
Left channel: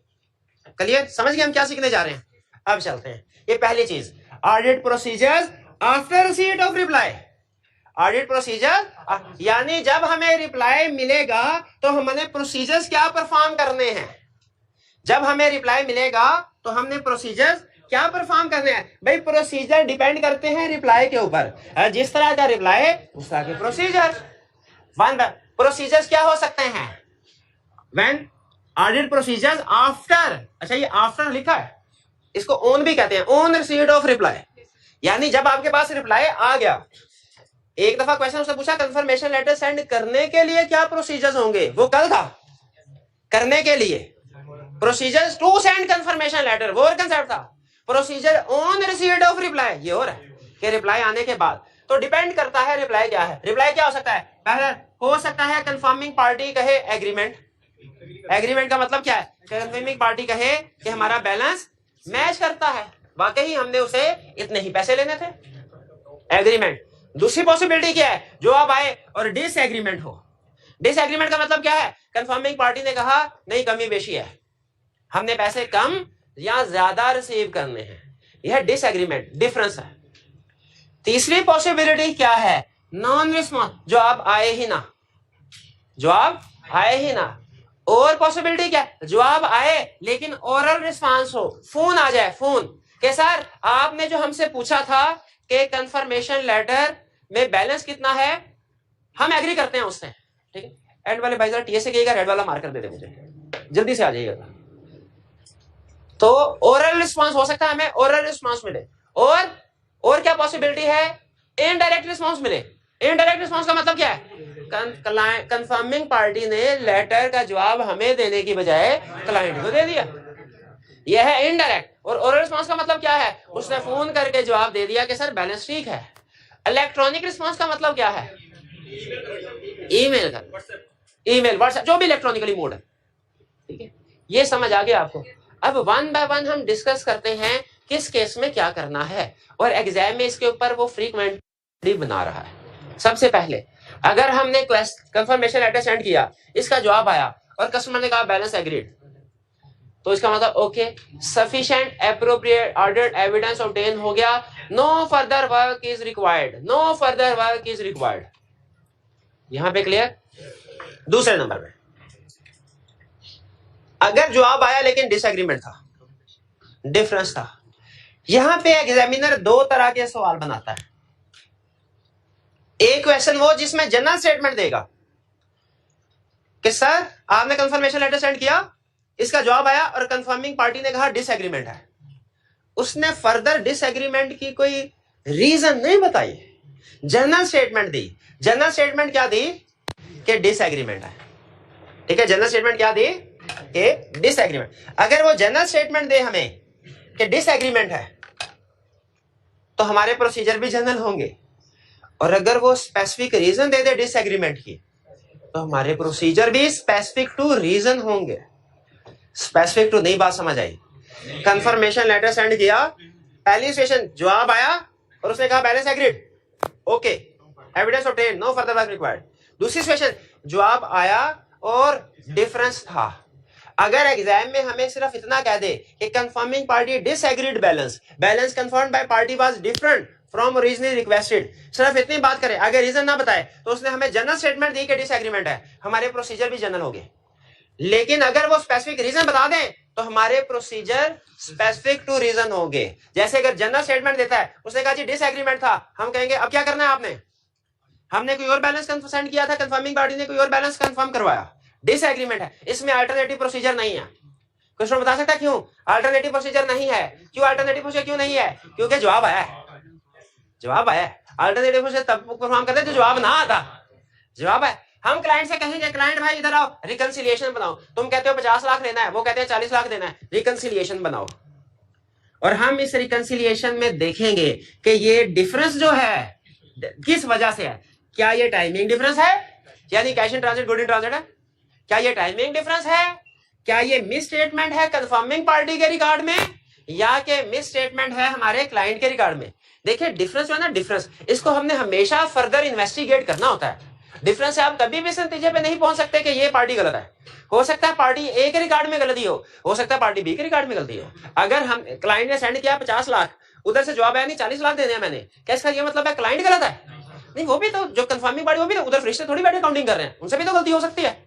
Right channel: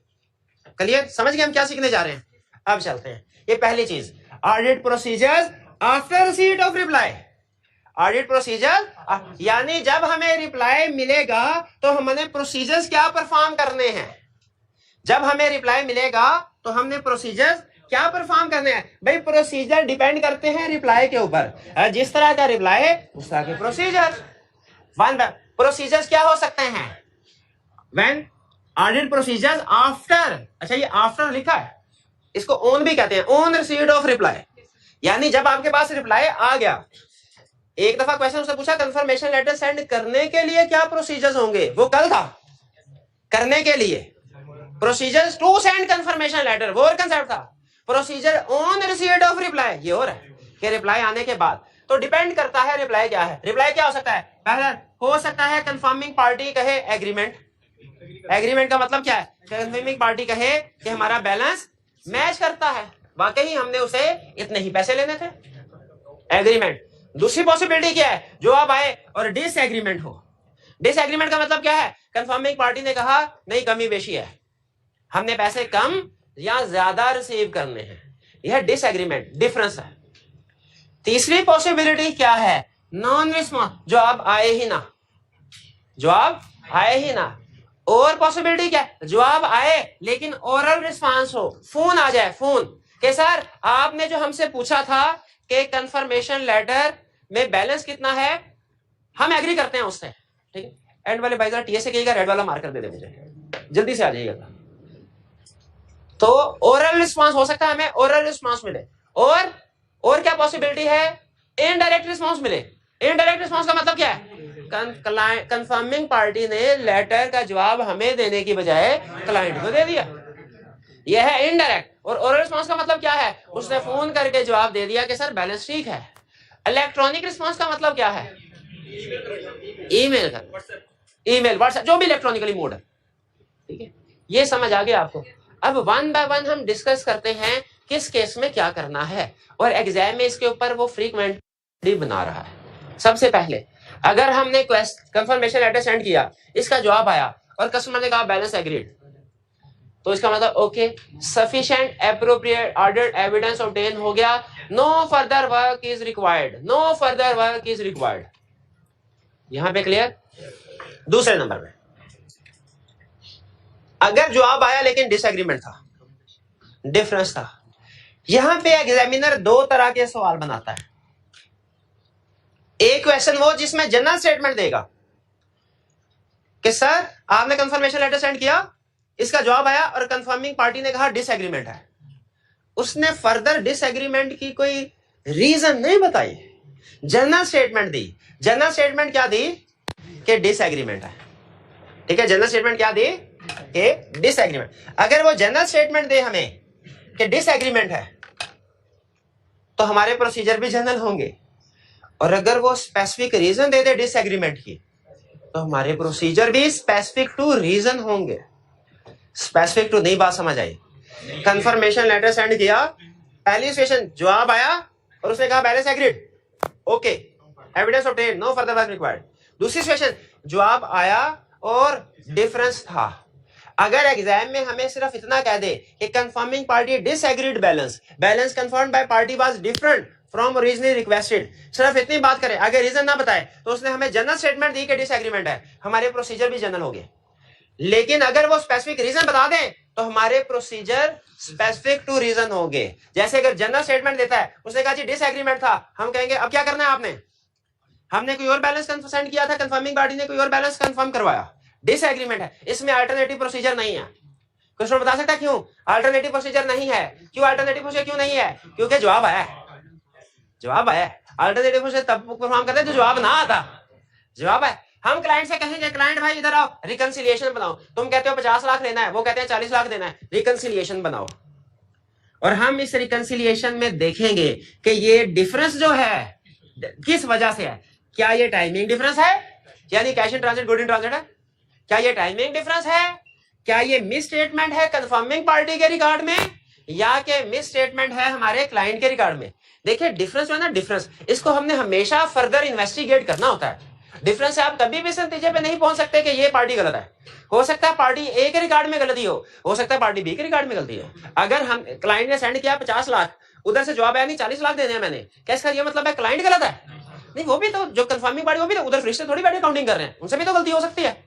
क्लियर? समझ गए हम क्या सीखने जा रहे हैं? अब चलते हैं। ये पहली चीज, audit procedures after receipt of reply. Audit procedure यानी जब हमें रिप्लाई मिलेगा तो हमने प्रोसीजर्स क्या परफॉर्म करने हैं। जब हमें रिप्लाई मिलेगा तो हमने प्रोसीजर्स क्या परफॉर्म करने हैं। भाई प्रोसीजर डिपेंड करते हैं रिप्लाई के ऊपर। जिस तरह का रिप्लाई उस तरह के प्रोसीजर। प्रोसीजर्स क्या हो सकते हैं व्हेन ऑडिट प्रोसीजर्स आफ्टर। अच्छा, ये आफ्टर लिखा है, इसको ऑन भी कहते हैं, ऑन रिसीट ऑफ रिप्लाई। यानी जब आपके पास रिप्लाई आ गया, एक दफा क्वेश्चन उसने पूछा कंफर्मेशन लेटर सेंड करने के लिए क्या प्रोसीजर्स होंगे, वो कल था। करने के लिए procedures to send confirmation letter, वो और कंसेप्ट था। Procedure on receipt of reply, ये और है कि रिप्लाई आने के बाद। तो डिपेंड करता है रिप्लाई क्या है। रिप्लाई क्या हो सकता है? पहले हो सकता है कंफर्मिंग पार्टी कहे एग्रीमेंट। एग्रीमेंट का मतलब क्या है? कंफर्मिंग पार्टी कहे कि हमारा बैलेंस मैच करता है, वाकई हमने उसे इतने ही पैसे लेने थे, एग्रीमेंट। दूसरी पॉसिबिलिटी क्या है? जो अब आए और डिसएग्रीमेंट हो। डिसएग्रीमेंट का मतलब क्या है? कंफर्मिंग पार्टी ने कहा नहीं कमी बेशी है, हमने पैसे कम या ज्यादा रिसीव करने हैं, यह डिसएग्रीमेंट, डिफरेंस है। तीसरी पॉसिबिलिटी क्या है? नॉन रिस्पॉन्स, जवाब आए ही ना, जवाब आए ही ना। और पॉसिबिलिटी क्या है? जवाब आए लेकिन ओरल रिस्पांस हो, फोन आ जाए, फोन के सर आपने जो हमसे पूछा था कि कंफर्मेशन लेटर में बैलेंस कितना है, हम एग्री करते हैं उससे, ठीक है। एंड वाले भाई जरा टीएस से कहिएगा रेड वाला मार्कर दे दे मुझे, जल्दी से आ जाइएगा। तो ओरल रिस्पांस हो सकता है, हमें ओरल रिस्पांस मिले। और क्या पॉसिबिलिटी है? इनडायरेक्ट रिस्पांस मिले। इनडायरेक्ट रिस्पांस का मतलब क्या है? कंफर्मिंग पार्टी ने लेटर का जवाब हमें देने की बजाय क्लाइंट को दे दिया, यह है इनडायरेक्ट। और ओरल रिस्पांस का मतलब क्या है? उसने फोन करके जवाब दे दिया कि सर बैलेंस ठीक है। इलेक्ट्रॉनिक रिस्पांस का मतलब क्या है? ईमेल का, ईमेल, व्हाट्सएप, जो भी इलेक्ट्रॉनिकली मोड है, ठीक है। ये समझ आ गया आपको? अब वन बाय वन हम डिस्कस करते हैं किस केस में क्या करना है, और एग्जाम में इसके ऊपर वो फ्रीक्वेंटली बना रहा है। सबसे पहले अगर हमने कंफर्मेशन लेटर सेंड किया, इसका जवाब आया और कस्टमर ने कहा बैलेंस एग्रीड, तो इसका मतलब okay, sufficient appropriate audit evidence obtain हो गया, no further work is required, no further work is required. यहां पे क्लियर? दूसरे नंबर में अगर जवाब आया लेकिन डिसएग्रीमेंट था, डिफरेंस था, यहां पे एग्जामिनर दो तरह के सवाल बनाता है। एक क्वेश्चन वो जिसमें जनरल स्टेटमेंट देगा कि सर आपने कंफर्मेशन लेटर सेंड किया, इसका जवाब आया और कंफर्मिंग पार्टी ने कहा डिसएग्रीमेंट है। उसने फर्दर डिसएग्रीमेंट की कोई रीजन नहीं बताई, जनरल स्टेटमेंट दी। जनरल स्टेटमेंट क्या दी? कि डिसएग्रीमेंट है। ठीक है, जनरल स्टेटमेंट क्या दे कि डिसएग्रीमेंट। अगर वो जनरल स्टेटमेंट दे हमें कि डिसएग्रीमेंट है तो हमारे प्रोसीजर भी जनरल होंगे, और अगर वो स्पेसिफिक रीजन दे दे डिसएग्रीमेंट की तो हमारे प्रोसीजर भी स्पेसिफिक टू रीजन होंगे। स्पेसिफिक टू नहीं, बात समझ आई? कंफर्मेशन लेटर सेंड किया, पहली सिचुएशन जवाब आया और उसने कहा balance agreed, okay, evidence obtain, no further work required. दूसरी सिचुएशन जवाब आया और डिफरेंस था। अगर एग्जाम में हमें सिर्फ इतना कह दे कि confirming party disagreed balance, balance confirmed by party was different from originally requested, सिर्फ इतनी बात करें, अगर रीजन ना बताए तो उसने हमें जनरल स्टेटमेंट दी कि डिसएग्रीमेंट है, हमारे प्रोसीजर भी जनरल हो गए। लेकिन अगर वो स्पेसिफिक रीजन बता दें तो हमारे प्रोसीजर स्पेसिफिक टू रीजन होंगे। जैसे अगर जनरल स्टेटमेंट देता है, उसने कहा जी डिसएग्रीमेंट था, हम कहेंगे अब क्या करना है आपने, हमने कोई और बैलेंस सेंड किया था, कंफर्मिंग पार्टी ने कोई और बैलेंस कंफर्म करवाया, डिसएग्रीमेंट है, इसमें अल्टरनेटिव प्रोसीजर नहीं है। कुछ लोग बता सकता है क्यों अल्टरनेटिव प्रोसीजर नहीं है? क्यों अल्टरनेटिव प्रोसीजर क्यों नहीं है? क्योंकि जवाब आया है, जवाब आया है। अल्टरनेटिव प्रोसीजर तब परफॉर्म करते हैं जो जवाब ना आता, जवाब है। हम क्लाइंट से कहेंगे क्लाइंट भाई इधर आओ, रिकंसिलिएशन बनाओ, तुम कहते हो 50 लाख लेना है, वो कहते हैं 40 लाख देना है, रिकंसिलिएशन बनाओ। और हम इस रिकंसिलिएशन में देखेंगे कि ये डिफरेंस जो है किस वजह से है। क्या ये टाइमिंग डिफरेंस है, यानी cash in transit good in transit है? क्या ये टाइमिंग डिफरेंस है? क्या ये मिस स्टेटमेंट है कंफर्मिंग पार्टी के रिकॉर्ड में, या कि मिस स्टेटमेंट है हमारे क्लाइंट के रिकॉर्ड में? देखिए डिफरेंस जो है ना, डिफरेंस इसको हमने हमेशा फर्दर इन्वेस्टिगेट करना होता है। डिफरेंस है, आप कभी भी इस नतीजे पे नहीं पहुंच सकते कि ये पार्टी गलत है। हो सकता है पार्टी ए के रिकॉर्ड में गलती हो सकता है पार्टी बी के रिकॉर्ड में गलती हो। अगर हम क्लाइंट ने सेंड किया 50 लाख, उधर से जवाब आया नहीं 40 लाख देने हैं मैंने, क्या इसका ये मतलब है क्लाइंट गलत है? नहीं, वो भी तो जो कंफर्मिंग पार्टी, वो भी तो उधर फरिश्ते थोड़ी बैठे काउंटिंग कर रहे हैं, उनसे भी तो गलती हो सकती है।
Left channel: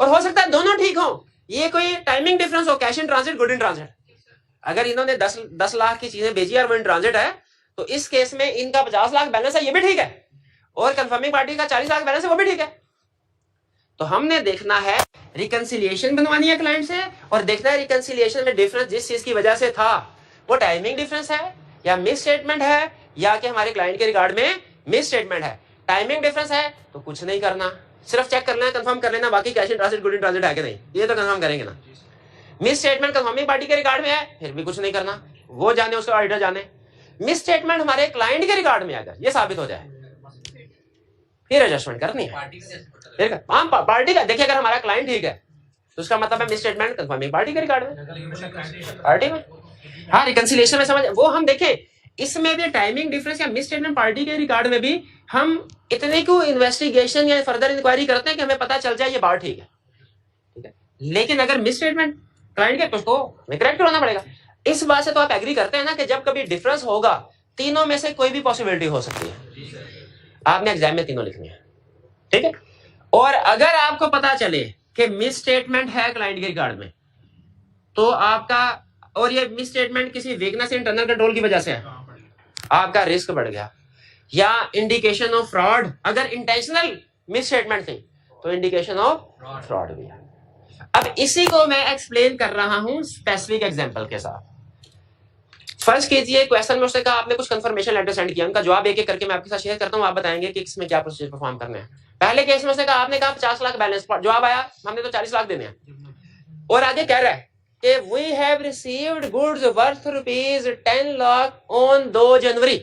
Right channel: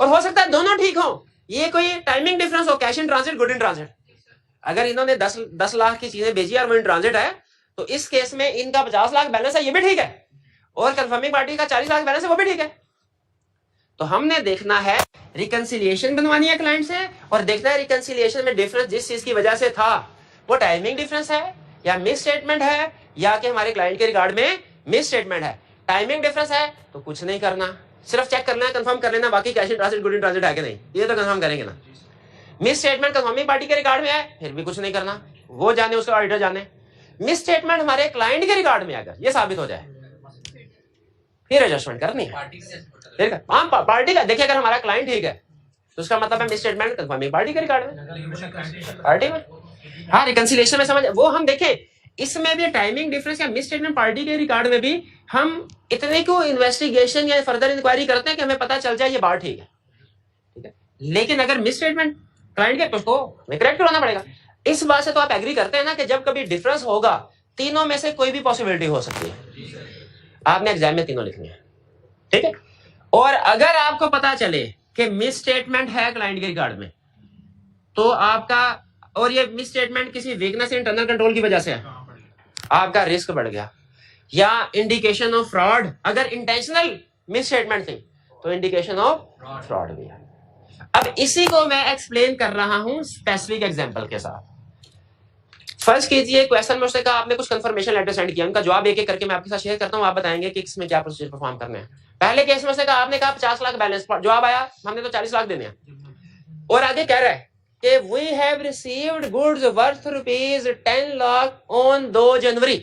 और हो सकता है दोनों ठीक हो, ये कोई टाइमिंग डिफरेंस हो, cash in transit good in transit. अगर इन्होंने 10 लाख की चीजें भेजी और वो इन ट्रांजिट है, तो इस केस में इनका 50 लाख बैलेंस है, ये भी ठीक है, और कंफर्मिंग पार्टी का 40 लाख बैलेंस है, वो भी ठीक है। तो हमने देखना है, रिकंसिलिएशन बनवानी है क्लाइंट से, और देखना है रिकंसिलिएशन में डिफरेंस जिस चीज की वजह से था वो टाइमिंग डिफरेंस है या मिस स्टेटमेंट है, या कि हमारे क्लाइंट के रिकॉर्ड में मिस स्टेटमेंट है। टाइमिंग डिफरेंस है तो कुछ नहीं करना, सिर्फ चेक करना है, कंफर्म कर लेना, बाकी cash in transit good in transit है कि नहीं ये तो कंफर्म करेंगे ना। मिस स्टेटमेंट कंफर्मिंग पार्टी के रिकॉर्ड में है, फिर भी कुछ नहीं करना, वो जाने उसका ऑडिटर जाने। मिस स्टेटमेंट हमारे क्लाइंट के रिकॉर्ड में अगर ये साबित हो जाए, फिर एडजस्टमेंट करनी है। ठीक है, हम पार्टी का देखिए, अगर हमारा क्लाइंट ठीक है तो उसका मतलब है मिस स्टेटमेंट कंफर्मिंग पार्टी के रिकॉर्ड में, पार्टी में। हाँ, रिकंसिलिएशन में समझ वो हम देखें, इसमें भी टाइमिंग डिफरेंस या मिस स्टेटमेंट पार्टी के रिकॉर्ड में भी हम इतने को इन्वेस्टिगेशन या फर्दर इंक्वायरी करते हैं कि हमें पता चल जाए ये बात ठीक है, ठीक है। लेकिन अगर मिस स्टेटमेंट क्लाइंट के, तो उसको करेक्ट करना पड़ेगा। इस बात से तो आप एग्री करते हैं ना कि जब कभी डिफरेंस होगा, तीनों में से कोई भी पॉसिबिलिटी हो सकती है, आपने एग्जाम में तीनों लिखनी है, ठीक है। और अगर आपको पता चले कि मिस स्टेटमेंट है क्लाइंट के रिकॉर्ड में, तो आपका, और ये मिस स्टेटमेंट किसी वीकनेस इंटरनल कंट्रोल की वजह से है, आपका रिस्क बढ़ गया, या इंडिकेशन ऑफ फ्रॉड, अगर इंटेंशनल मिस स्टेटमेंट थी तो इंडिकेशन ऑफ फ्रॉड भी है। अब इसी को मैं एक्सप्लेन कर रहा हूं स्पेसिफिक एग्जांपल के साथ। फर्ज कीजिए क्वेश्चन में उसने कहा आपने कुछ कंफर्मेशन लेटर सेंड किया, उनका जवाब एक एक करके मैं आपके साथ शेयर करता हूं, आप बताएंगे कि इसमें क्या प्रोसीजर परफॉर्म करने हैं। पहले केस में उसने कहा, आपने कहा 50 लाख बैलेंस, जवाब आया हमने तो 40 लाख देने हैं, और आगे कह रहा है कि we have received goods worth ₹10 lakh on 2 January.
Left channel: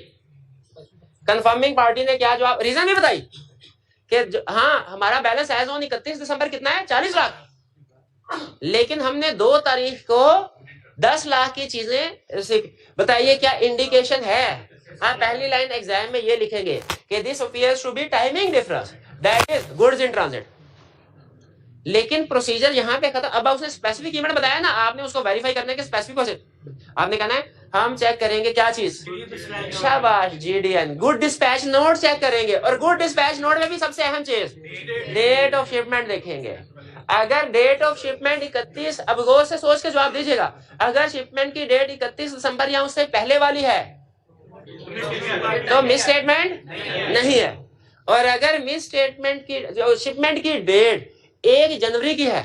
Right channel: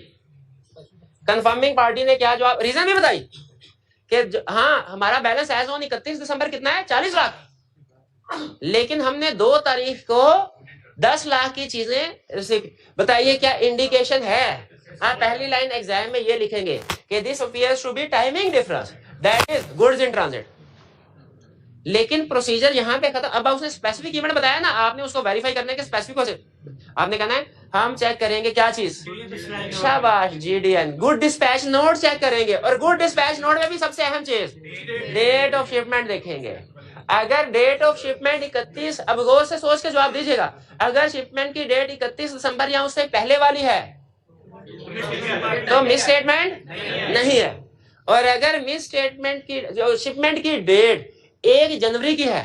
Confirming party ने क्या जवाब, रीजन भी बताई कि हाँ हमारा बैलेंस एज ऑन 31 दिसंबर कितना है, 40 लाख, लेकिन हमने 2 तारीख को 10 लाख की चीजें बताइए, क्या इंडिकेशन है? हाँ, पहली लाइन एग्जाम में ये लिखेंगे कि this appears to be timing difference that is goods in transit. लेकिन प्रोसीजर यहाँ पे खत्म। अब उसने स्पेसिफिक इवेंट बताया ना, आपने उसको वेरीफाई करने के स्पेसिफिक से आपने कहना है हम चेक करेंगे क्या चीज, शाबाश, GDN good dispatch note check करेंगे, और गुड डिस्पैच नोट में भी सबसे अहम चीज डेट ऑफ शिपमेंट देखेंगे। अगर डेट ऑफ शिपमेंट 31, अब गौर से सोच के जवाब दीजिएगा, अगर शिपमेंट की डेट 31 दिसंबर या उससे पहले वाली है तो मिस स्टेटमेंट नहीं है, और अगर मिस स्टेटमेंट की जो शिपमेंट की डेट 1 जनवरी की है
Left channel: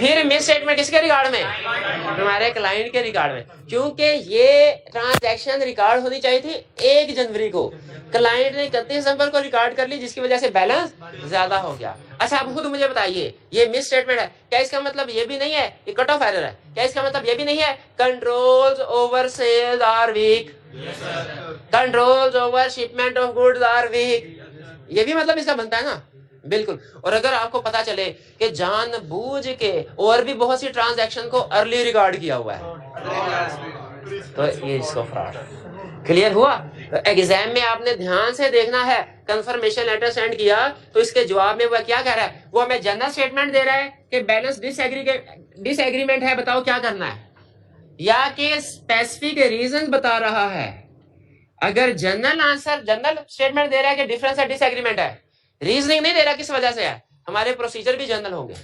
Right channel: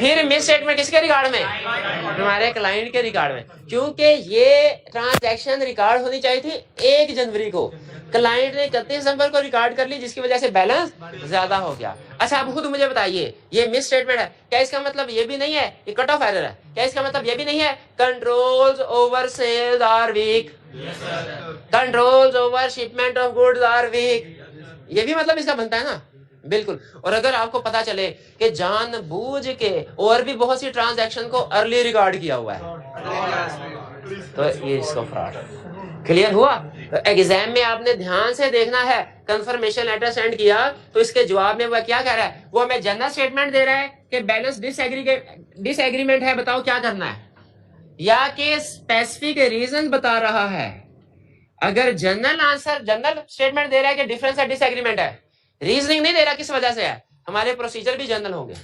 फिर मिस स्टेटमेंट किसके रिकॉर्ड में? हमारे क्लाइंट के रिकॉर्ड में, क्योंकि ये ट्रांजैक्शन रिकॉर्ड होनी चाहिए थी 1 जनवरी को, क्लाइंट ने 31 दिसंबर को रिकॉर्ड कर ली, जिसकी वजह से बैलेंस ज्यादा हो गया। अच्छा, आप खुद मुझे बताइए, ये मिस स्टेटमेंट है, क्या इसका मतलब ये भी नहीं है ये कट ऑफ एरर है? क्या इसका मतलब ये भी नहीं है controls over sales are weak, controls over shipment of goods are weak? ये भी मतलब इसका बनता है ना? बिल्कुल। और अगर आपको पता चले कि जानबूझ के और भी बहुत सी ट्रांजैक्शन को अर्ली रिकॉर्ड किया हुआ है, तो ये इसको फ्रॉड। क्लियर हुआ? तो एग्जाम में आपने ध्यान से देखना है, कंफर्मेशन लेटर सेंड किया तो इसके जवाब में वह क्या कह रहा है? वो हमें जनरल स्टेटमेंट दे रहा है कि बैलेंस डिसएग्रीमेंट है, बताओ क्या करना है, या कि स्पेसिफिक रीजन बता रहा है। अगर जनरल आंसर, जनरल स्टेटमेंट दे रहा है कि डिफरेंस है, डिसएग्रीमेंट है, रीजनिंग नहीं दे रहा किस वजह से है, हमारे प्रोसीजर भी जनरल होंगे।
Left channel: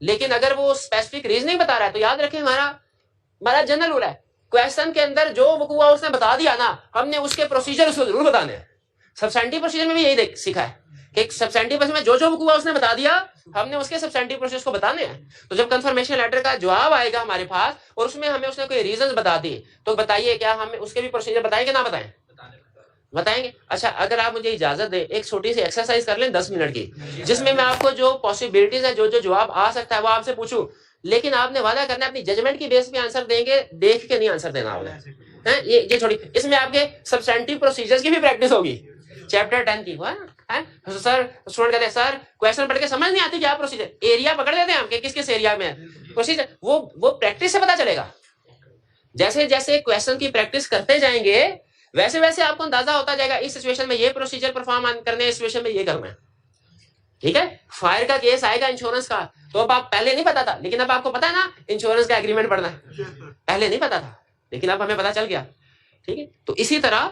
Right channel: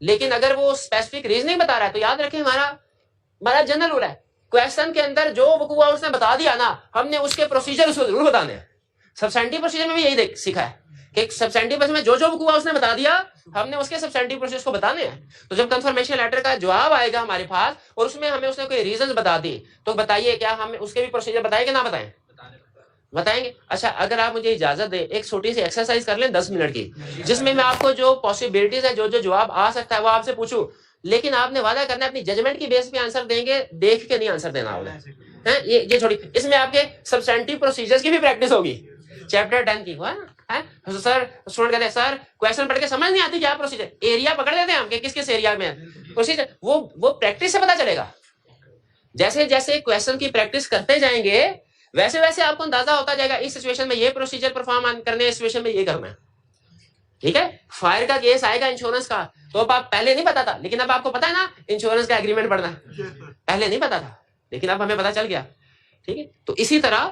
लेकिन अगर वो स्पेसिफिक रीजनिंग बता रहा है तो याद रखें हमारा जनरल रूल है, क्वेश्चन के अंदर जो वकूआ हुआ उसने बता दिया ना, हमने उसके प्रोसीजर उसको जरूर बताने हैं। सब्सटेंटिव प्रोसीजर में भी यही सीखा है कि सब्सटेंटिव प्रोसीजर में जो वकूआ उसने बता दिया, हमने उसके सब्सटेंटिव प्रोसीजर को बताने हैं। तो जब कंफर्मेशन लेटर का जवाब आएगा हमारे पास और उसमें हमें उसने कोई रीजन बता दी, तो बताइए क्या हम उसके भी प्रोसीजर बताएं कि ना बताएं? बताएंगे। अच्छा, अगर आप मुझे इजाजत दें, एक छोटी सी एक्सरसाइज कर लें 10 मिनट की, जिसमें मैं आपको जो पॉसिबिलिटीज है, जो जवाब आ सकता है वो आपसे पूछूं, लेकिन आपने वादा करना है अपनी जजमेंट की बेस पे आंसर देंगे, देख के नहीं आंसर देना होगा। ये छोड़ी, इसमें आपके सब्सटेंटिव प्रोसीजर्स की भी प्रैक्टिस होगी, चैप्टर 10 की। तो सर स्टूडेंट कहते हैं सर क्वेश्चन पढ़ के समझ नहीं आती क्या प्रोसीजर, एरिया पकड़ लेते हैं हम किस किस एरिया में प्रोसीजर, वो प्रैक्टिस से पता चलेगा। जैसे जैसे क्वेश्चन की प्रैक्टिस करते जाएंगे वैसे वैसे आपको अंदाजा होता जाएगा इस सिचुएशन में ये प्रोसीजर परफॉर्म करने, इस सिचुएशन में ये करना है। ठीक है, फायर का केस आएगा इंश्योरेंस का, तो अब आप पहले नहीं पता था, लेकिन अब आपको पता है ना इंश्योरेंस का एग्रीमेंट पढ़ना है, पहले नहीं पता था लेकिन अब हमें पता चल गया। ठीक है, तो इसी तरह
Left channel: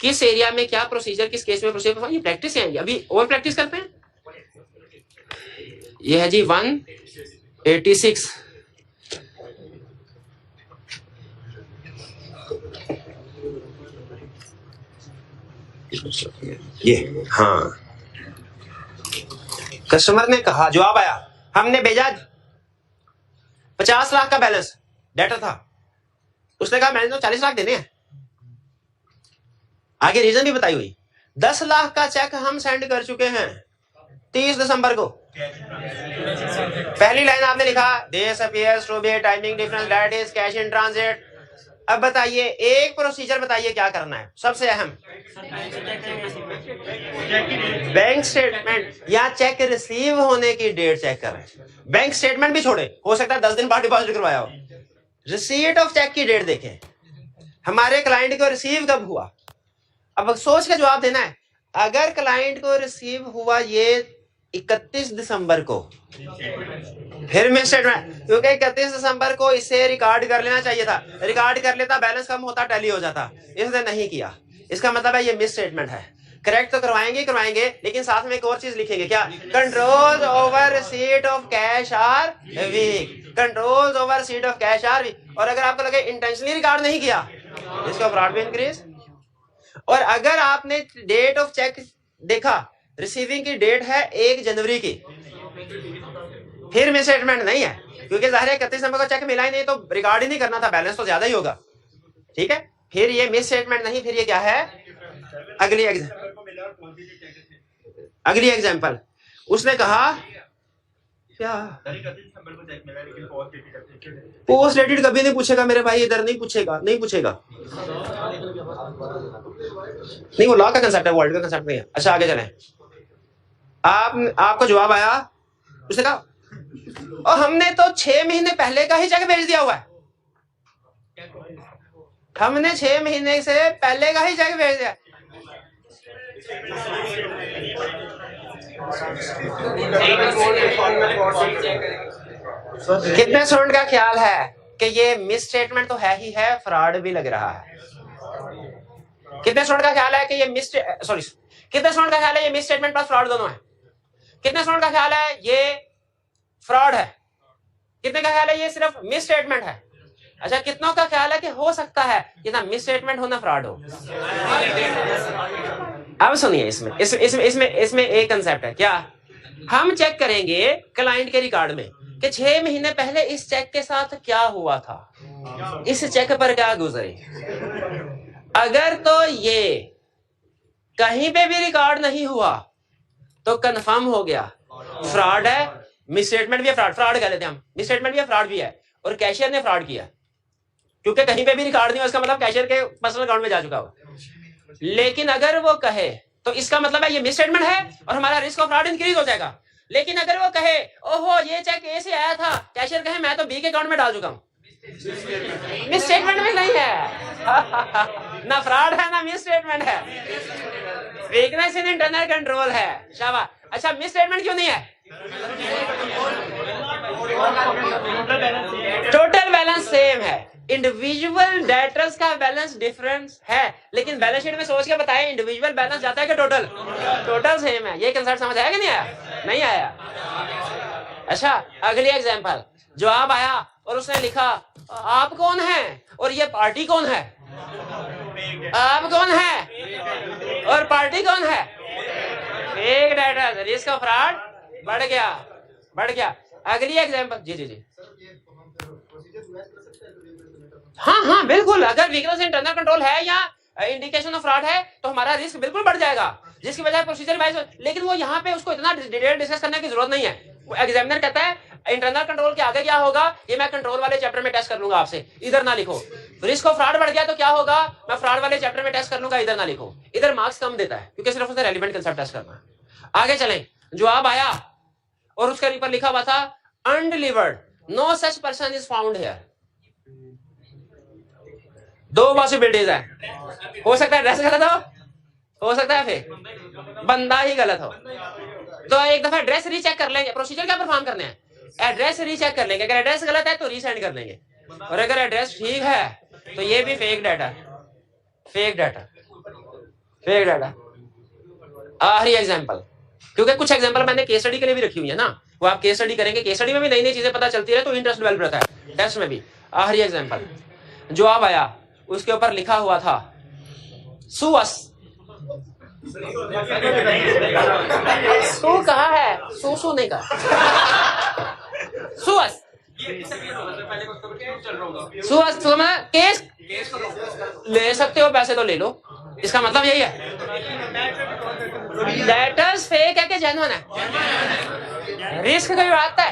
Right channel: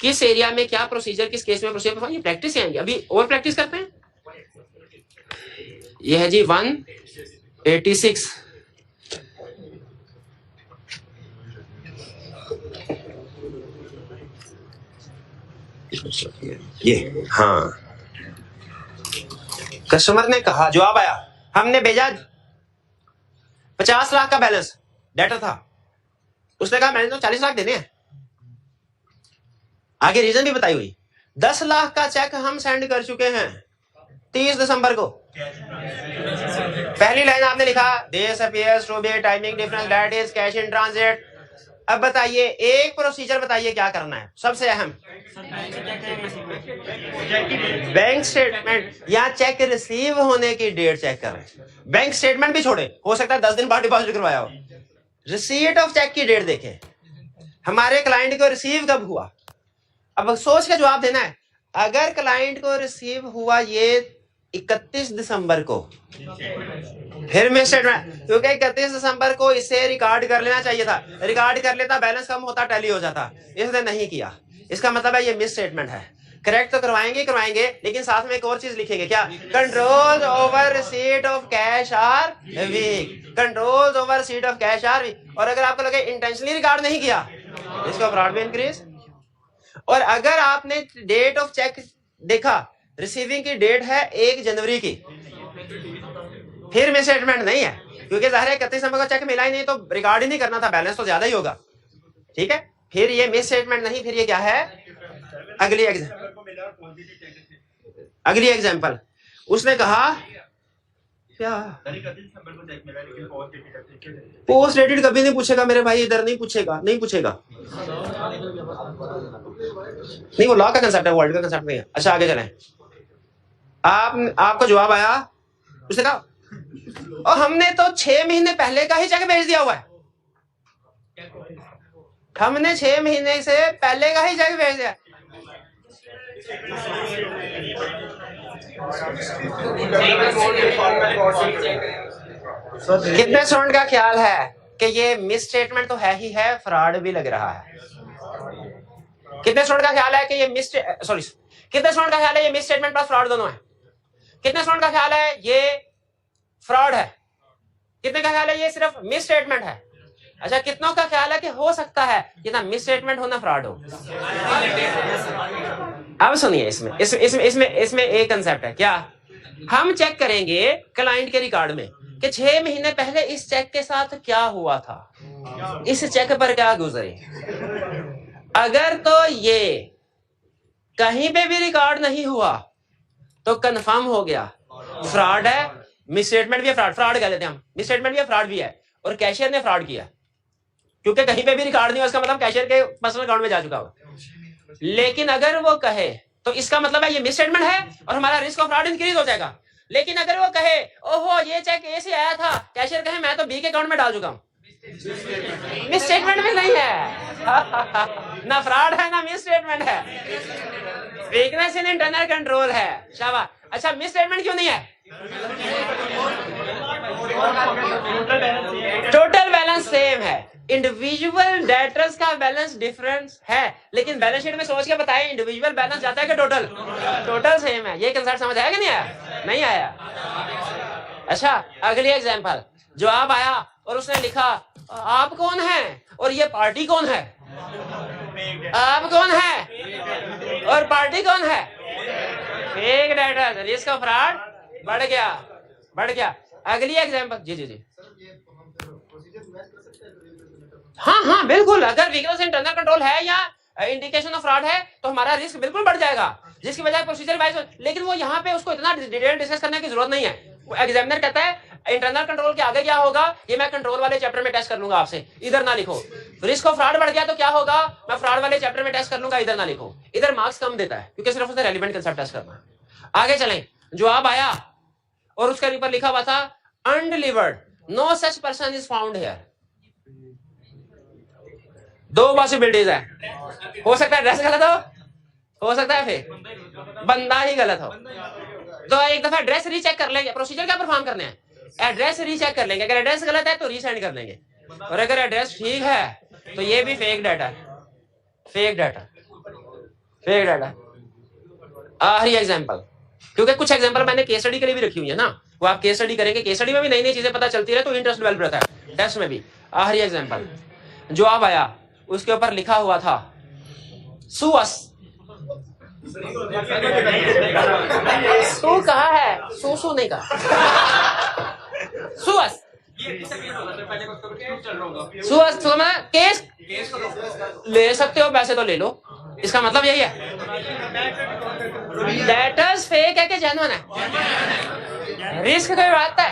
किस एरिया में क्या प्रोसीजर, किस केस में प्रोसीजर, ये प्रैक्टिस है। अभी और प्रैक्टिस करते हैं। ये है जी 186। ये हाँ, कस्टमर ने कहा, जवाब आया, हमने भेजा 50 लाख का बैलेंस डेटर था, उसने कहा मैंने तो 40 लाख देने हैं, आगे रीजन भी बताई हुई। 10 लाख का चेक हम सेंड कर चुके हैं 30 दिसंबर को। पहली लाइन आपने लिखा this appears to be timing difference that is cash in transit. अब बताइए एक प्रोसीजर बताइए क्या करना है, सबसे अहम बैंक स्टेटमेंट या चेक रिसीव होने की डेट चेक करें। बैंक स्टेटमेंट भी छोड़े, हो सकता है 10 दिन बाद डिपॉजिट करवाया हो, रिसीट ऑफ चेक की डेट देखें, हमारे क्लाइंट को रिसीव कब हुआ। अब सोच के जवाब देना है, अगर क्लाइंट को रिसीव हुआ ये 31 दिसंबर को, फिर मिस स्टेटमेंट, क्योंकि 31 दिसंबर को इसे रिकॉर्ड कर लेना चाहिए था, रिकॉर्ड कर लेता बैलेंस कम होता, टैली हो जाता, इसने नहीं किया, इसका मतलब है ये मिस स्टेटमेंट है। करेक्ट तो करवाएंगे लेकिन साथ में एक और चीज लिखेंगे, क्या? Control over receipt of cash are weak, control over receipt of cash are weak. और अगर आपको लगे इंटेंशनली रिकॉर्ड नहीं किया, इसका फ्रॉड भी इंक्रीज। और अगर आपने डेट ऑफ चेक देखा, रिसीविंग की डेट है 1 जनवरी की, फिर मिस स्टेटमेंट नहीं है, क्योंकि जाहिर है 31 दिसंबर को चेक मिला ही नहीं तो रिकॉर्ड ही नहीं करना था, बैलेंस तो ज्यादा ही होगा। ठीक है, फिर ये मिस स्टेटमेंट नहीं, फिर ये क्या है? अगली एग्जांपल उसने कहा क्या पोस्ट डेटेड कभी नहीं पूछेगा मेरे भाई, इधर नहीं पूछेगा नहीं, वो लॉ का कंसेप्ट है, वर्ल्ड का कंसेप्ट नहीं है। अच्छा आगे चलें, आपको जवाब आया, उसने कहा और हमने तो 6 महीने पहले का ही चेक भेज दिया हुआ है, हमने 6 महीने से पहले का ही चेक भेज दिया। कितने स्टूडेंट का ख्याल है कि ये मिस स्टेटमेंट तो है ही है, फ्रॉड भी लग रहा है? कितने स्टूडेंट का ख्याल है कि ये कितने स्टूडेंट का ख्याल है ये मिस स्टेटमेंट प्लस फ्रॉड दोनों है? कितने स्टूडेंट का ख्याल है ये फ्रॉड है? कितने का ख्याल है ये सिर्फ मिस स्टेटमेंट है? अच्छा, कितनों का ख्याल है कि हो सकता है ये ना मिस स्टेटमेंट हो ना फ्रॉड हो? अब सुनिए, इसमें एक कंसेप्ट है, क्या? हम चेक करेंगे क्लाइंट के रिकॉर्ड में कि 6 महीने पहले इस चेक के साथ क्या हुआ था, इस चेक पर क्या गुजरे। अगर तो ये कहीं पे भी रिकॉर्ड नहीं हुआ तो कंफर्म हो गया फ्रॉड है, मिसस्टेटमेंट भी है, फ्रॉड कह लेते हैं हम, मिसस्टेटमेंट भी है, फ्रॉड भी है, और कैशियर ने फ्रॉड किया, क्योंकि कहीं पे भी रिकॉर्ड नहीं हुआ, इसका मतलब कैशियर के पर्सनल अकाउंट में जा चुका हो। लेकिन अगर वो कहे तो इसका मतलब है ये मिसस्टेटमेंट है और हमारा रिस्क ऑफ फ्रॉड इंक्रीज हो जाएगा। लेकिन अगर वो कहे ओहो ये चेक ए से आया था, कैशियर कहे मैं तो बी के अकाउंट में डाल चुका हूं, मिसस्टेटमेंट में नहीं है ना फ्रॉड है ना मिसस्टेटमेंट है, वीकनेस इन इंटरनल कंट्रोल है। शाबाश। अच्छा मिसस्टेटमेंट क्यों नहीं है? टोटल बैलेंस सेम है, इंडिविजुअल डेटर्स का बैलेंस डिफरेंस है, लेकिन बैलेंस शीट में सोच के बताएं इंडिविजुअल बैलेंस जाता है कि टोटल? टोटल सेम है। ये कंसेप्ट समझ आया कि नहीं आया? नहीं आया। अच्छा अगली एग्जांपल, जवाब आया और उसने लिखा आप कौन हैं और ये पार्टी कौन है, आप कौन है और पार्टी कौन है, fake data, risk of fraud बढ़ गया, बढ़ गया। अगली एग्जांपल, जी जी जी, हाँ हाँ बिल्कुल, अगर वीकनेस इंटरनल कंट्रोल है या इंडिकेशन ऑफ फ्रॉड है तो हमारा रिस्क बिल्कुल बढ़ जाएगा, जिसकी वजह प्रोसीजर वाइज। लेकिन वो यहाँ पे उसको इतना डिटेल डिस्कस करने की जरूरत नहीं है। एग्जामिनर कहता है इंटरनल कंट्रोल के आगे क्या होगा ये मैं कंट्रोल वाले चैप्टर में टेस्ट कर लूंगा, आपसे इधर ना लिखो। रिस्क ऑफ फ्रॉड बढ़ गया तो क्या होगा, मैं फ्रॉड वाले चैप्टर में टेस्ट कर लूंगा, इधर ना लिखो। इधर मार्क्स कम देता है क्योंकि सिर्फ उसने रेलिवेंट कंसेप्ट टेस्ट करना है। आगे चलें, जवाब आया और उसके ऊपर लिखा हुआ था undelivered, no such person is found here. दो पॉसिबिलिटीज है, हो सकता है एड्रेस गलत हो सकता है फिर बंदा ही गलत हो। तो एक दफा एड्रेस रीचेक कर लेंगे, प्रोसीजर क्या परफॉर्म करने हैं, एड्रेस रीचेक कर लेंगे, अगर एड्रेस गलत है तो रीसेंड कर लेंगे, और अगर एड्रेस ठीक है तो ये भी fake data, fake data, fake data. आखिरी एग्जांपल, क्योंकि कुछ एग्जांपल मैंने केस स्टडी के लिए भी रखी हुई है ना, वो आप केस स्टडी करेंगे, केस स्टडी में भी नई नई चीजें पता चलती है तो इंटरेस्ट डेवलप रहता है, टेस्ट में भी। आखिरी एग्जांपल, जवाब आया उसके ऊपर लिखा हुआ था सुअस। सू कहा है, सू नहीं कहा, सुअस, सुअस तो मैं केस ले सकते हो, पैसे तो ले लो, इसका मतलब यही है। डेटर्स फेक है कि जेन्युइन है, रिस्क कोई बात है,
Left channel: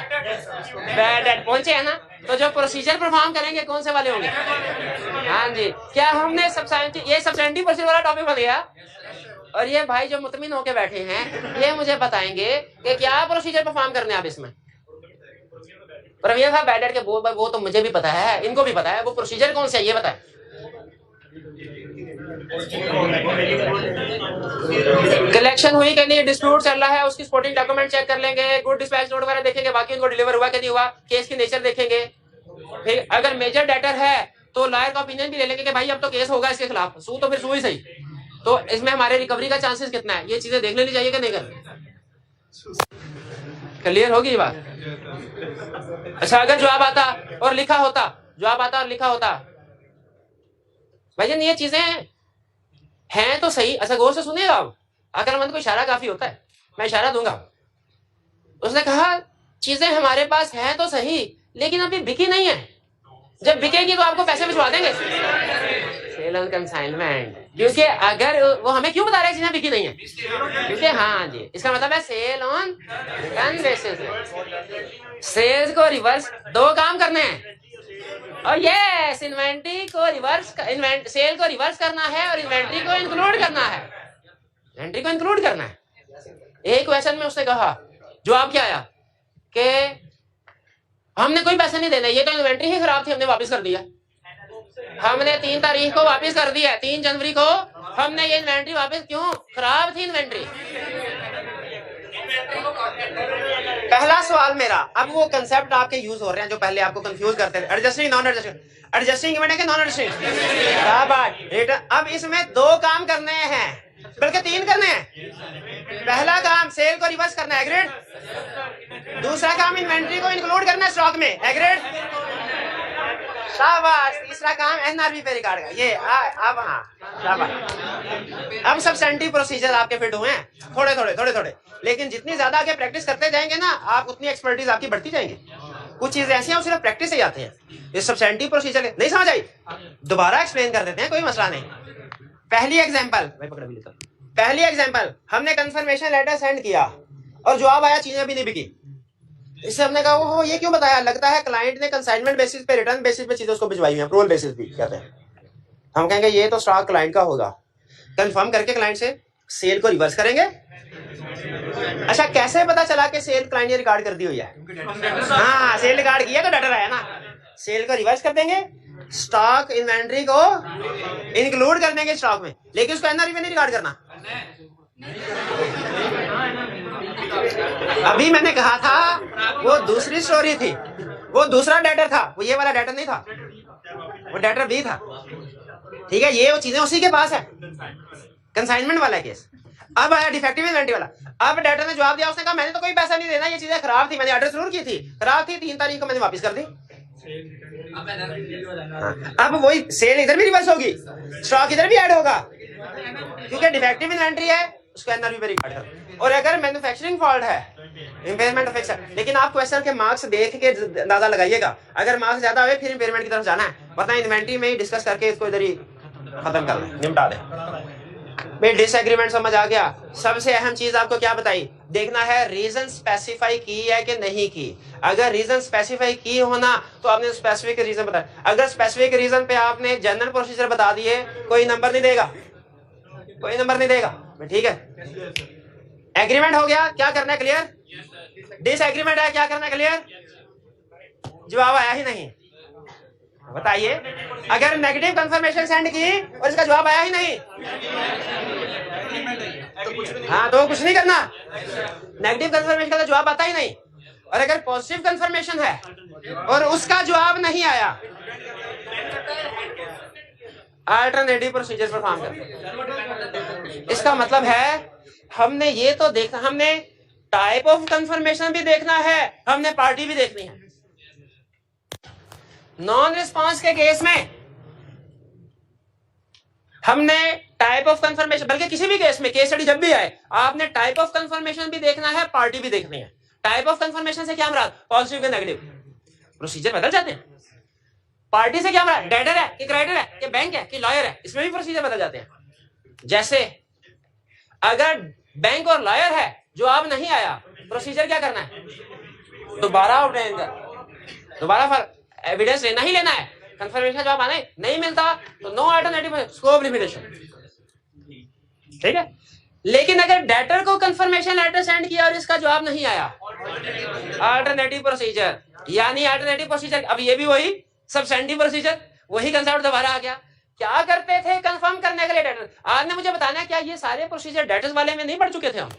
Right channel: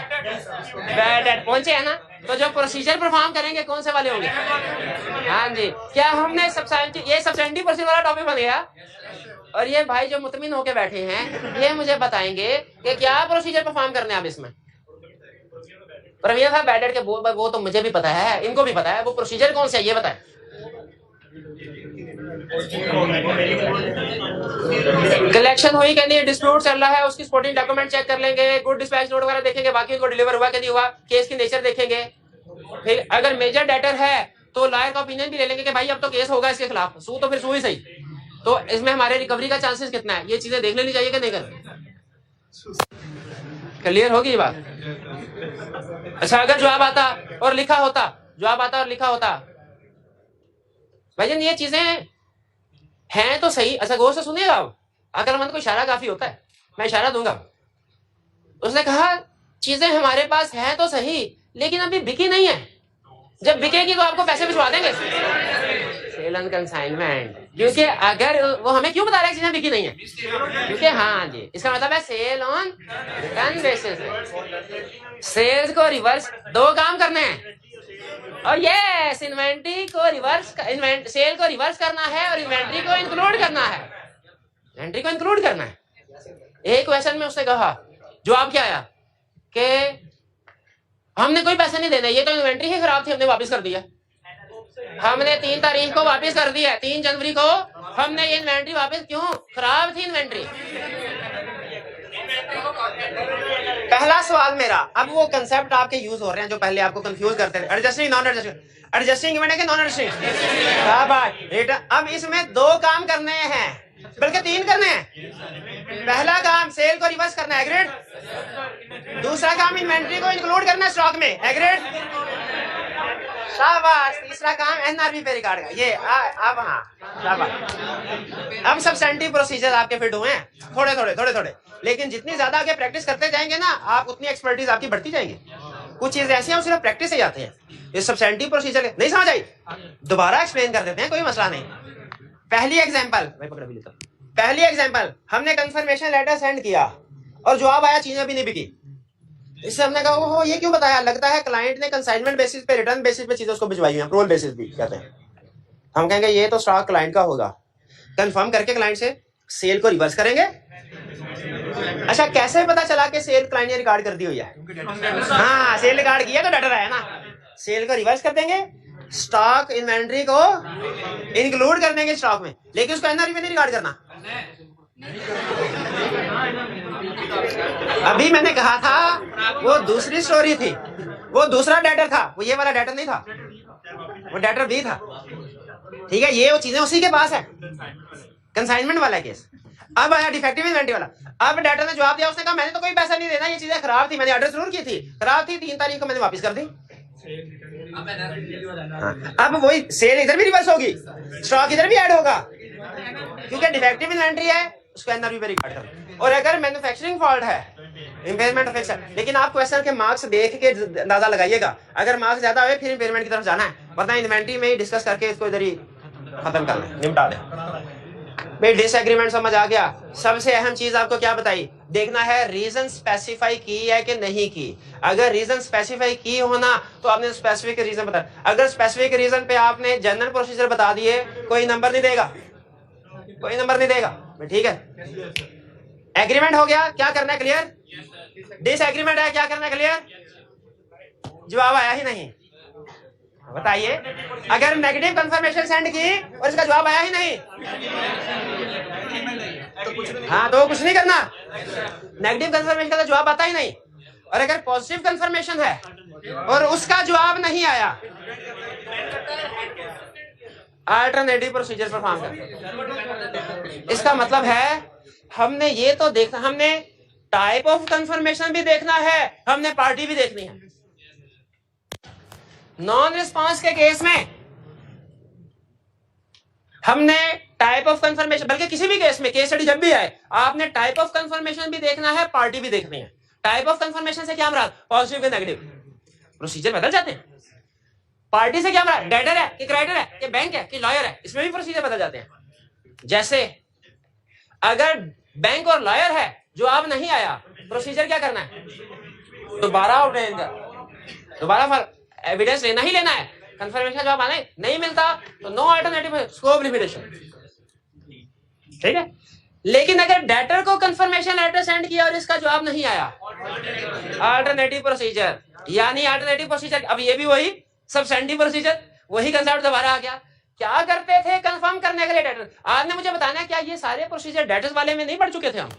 बैड डेट पहुंचे है ना, तो जो प्रोसीजर परफॉर्म करेंगे कौन से वाले होंगे? हाँ जी, क्या हमने ये सब्सटेंटिव प्रोसीजर वाला टॉपिक बन गया, और ये भाई जो मुतमिन होके बैठे हैं ये मुझे बताएंगे कि क्या प्रोसीजर परफॉर्म करने आप इसमें। प्रवीण साहब बैड डेट के वो तो मुझे भी पता है, इनको भी पता है, वो प्रोसीजर कौन सा है ये बताए। कलेक्शन हुई कि नहीं, डिस्प्यूट चल रहा है, उसकी सपोर्टिंग डॉक्यूमेंट चेक कर लेंगे, गुड डिस्पैच नोट वगैरह देखेंगे, बाकी उनको डिलीवर हुआ कि नहीं हुआ, केस की नेचर देखेंगे। फिर अगर मेजर डेटर है तो लॉयर का ओपिनियन भी ले लेंगे कि भाई अब तो केस होगा इसके खिलाफ, सू तो फिर सू ही सही, तो इसमें हमारे रिकवरी का चांसेस कितना है, ये चीजें देख लेनी चाहिए कि नहीं करनी। क्लियर होगी ये बात? अच्छा अगर जवाब आता और लिखा होता, जवाब आता और लिखा होता भाईजान ये चीजें हैं तो सही, अच्छा गौर से सुनिएगा, आप अक्लमंद को इशारा काफी होता है, मैं इशारा दूंगा। उसने कहा चीजें हमारे पास हैं तो सही लेकिन अभी बिकी नहीं है, जब बिकेगी तो आपको पैसे भिजवा देंगे, सेल ऑन कंसाइनमेंट। क्योंकि अगर वो हमें क्यों बता रहे हैं चीजें बिकी नहीं है, क्योंकि हाँ जी इसका मतलब है sale on turn basis. Sales को रिवर्स, दो काम करने हैं, और यस इन्वेंट्री को रिवर्स, सेल को रिवर्स करना है और इन्वेंट्री को इंक्लूड करना है, इन्वेंट्री को इंक्लूड करना है। एक क्वेश्चन में उसने कहा, जवाब क्या आया कि हमने कोई पैसा नहीं देना, ये तो इन्वेंट्री ही खराब थी हमने वापस कर दिया, हमने 3 तारीख को वापस कर दिया, 3 जनवरी को हमने ये इन्वेंट्री वापस, क्यों खराब थी इन्वेंट्री। पहला सवाल मेरा, अब वो कंसेप्ट आपके यूज हो रहे हैं जो पहले आपको कंफ्यूज करते थे, adjusting non adjusting, adjusting event है कि नॉन एडजस्टिंग। क्या बात, रिटर्न। अब इसमें 2 काम करने हैं बल्कि 3 करने हैं। पहला काम सेल को रिवर्स करना है, एग्रीड। दूसरा काम इन्वेंट्री को इंक्लूड करना है स्टॉक में, एग्रीड। शाबाश। तीसरा काम एनआरबी पे रिकॉर्ड का, ये अब हाँ शाबाश। अब सब्सटेंटिव प्रोसीजर आपके फिट हुए हैं, थोड़े थोड़े, लेकिन जितनी ज्यादा आगे प्रैक्टिस करते जाएंगे ना आप, उतनी एक्सपर्टीज आपकी बढ़ती जाएंगी। कुछ चीजें ऐसी हैं सिर्फ प्रैक्टिस से जाते हैं। ये सब्सटेंटिव प्रोसीजर नहीं समझ आई, दोबारा एक्सप्लेन कर देते हैं, कोई मसला नहीं। पहली एग्जांपल पहली एग्जांपल, हमने कंफर्मेशन लेटर सेंड किया और जवाब आया चीजें भी नहीं बिकी। इससे हमने कहा ओहो ये क्यों बताया, लगता है क्लाइंट ने कंसाइनमेंट बेसिस पे, रिटर्न बेसिस पे चीजें उसको भिजवाई हुई हैं, अप्रूवल बेसिस भी कहते हैं। हम कहेंगे ये तो स्टॉक क्लाइंट का होगा, कंफर्म करके क्लाइंट से सेल को रिवर्स करेंगे। अच्छा कैसे पता चला कि सेल क्लाइंट ने रिकॉर्ड कर दी हुई है? हाँ सेल रिकॉर्ड किया तो डेटर है ना, सेल को रिवर्स कर देंगे, स्टॉक इन्वेंट्री को इंक्लूड कर देंगे स्टॉक में, लेकिन उसको एनआरवी में नहीं रिकॉर्ड करना। अभी मैंने कहा था वो दूसरी स्टोरी थी, वो दूसरा डेटर था, वो ये वाला डेटर नहीं था, वो डेटर बी था। ठीक है, ये वो चीजें उसी के पास है, कंसाइनमेंट वाला केस। अब आया डिफेक्टिव इन्वेंट्री वाला। अब डेटर ने जवाब दिया, उसने कहा मैंने तो कोई पैसा नहीं देना, ये चीजें खराब थी, मैंने ऑर्डर जरूर की थी, खराब थी, 3 तारीख को मैंने वापस कर दी। अब वही सेल इधर भी रिवर्स होगी, स्टॉक इधर भी ऐड होगा, क्योंकि डिफेक्टिव इन्वेंट्री है, उसको एनआरवी पे रिकॉर्ड कर। और अगर मैन्युफैक्चरिंग फॉल्ट है, इम्पेयरमेंट फिक्स है, लेकिन आप क्वेश्चन के मार्क्स देख के अंदाजा लगाइएगा, अगर मार्क्स ज्यादा हुए फिर इम्पेयरमेंट की तरफ जाना है, वरना इन्वेंट्री में ही डिस्कस करके इसको इधर ही खत्म कर दें, निपटा दें। भाई डिसएग्रीमेंट समझ आ गया। सबसे अहम चीज आपको क्या बताई, देखना है रीजन स्पेसिफाई की है कि नहीं की। अगर रीजन स्पेसिफाई की होना तो आपने स्पेसिफिक रीजन बताया, अगर स्पेसिफिक रीजन पे आपने जनरल प्रोसीजर बता दिए, कोई नंबर नहीं देगा, कोई नंबर नहीं देगा। ठीक है, एग्रीमेंट हो गया, क्या करना है क्लियर, डिसएग्रीमेंट है, क्या करना है क्लियर। जवाब आया ही नहीं, बताइए। अगर नेगेटिव कंफर्मेशन सेंड की और इसका जवाब आया ही नहीं, हाँ तो कुछ नहीं करना, नेगेटिव कंफर्मेशन का तो जवाब आता ही नहीं। और अगर पॉजिटिव कंफर्मेशन है और उसका जवाब नहीं आया, अल्टरनेटिव प्रोसीजर परफॉर्म कर। इसका मतलब है हमने ये तो देखना, हमने टाइप ऑफ कंफर्मेशन भी देखना है, हमने पार्टी भी देखनी है। नॉन रिस्पांस के केस में हमने टाइप ऑफ कंफर्मेशन, बल्कि किसी भी केस में, केस स्टडी जब भी आए, आपने टाइप ऑफ कंफर्मेशन भी देखना है, पार्टी भी देखनी है। टाइप ऑफ कंफर्मेशन से क्या मुराद, पॉजिटिव के नेगेटिव, प्रोसीजर बदल जाते हैं। पार्टी से क्या मुराद, डेटर है कि क्रेडिटर है कि बैंक है कि लॉयर है, इसमें भी प्रोसीजर बदल जाते हैं। जैसे अगर बैंक और लॉयर है, जवाब नहीं आया, प्रोसीजर क्या करना है, दोबारा एविडेंस लेना ही लेना है। कंफर्मेशन जवाब आना नहीं मिलता तो नो अल्टरनेटिव, स्कोप लिमिटेशन। ठीक है, लेकिन अगर डेटर को कंफर्मेशन लेटर सेंड किया और इसका जवाब नहीं आया, अल्टरनेटिव प्रोसीजर, यानी अल्टरनेटिव प्रोसीजर। अब ये भी वही सब्सटेंटिव प्रोसीजर, वही कंसेप्ट दोबारा आ गया। क्या करते थे कंफर्म करने के लिए डेटर, आपने मुझे बताना है क्या ये सारे प्रोसीजर डेटर्स वाले में नहीं पढ़ चुके थे हम,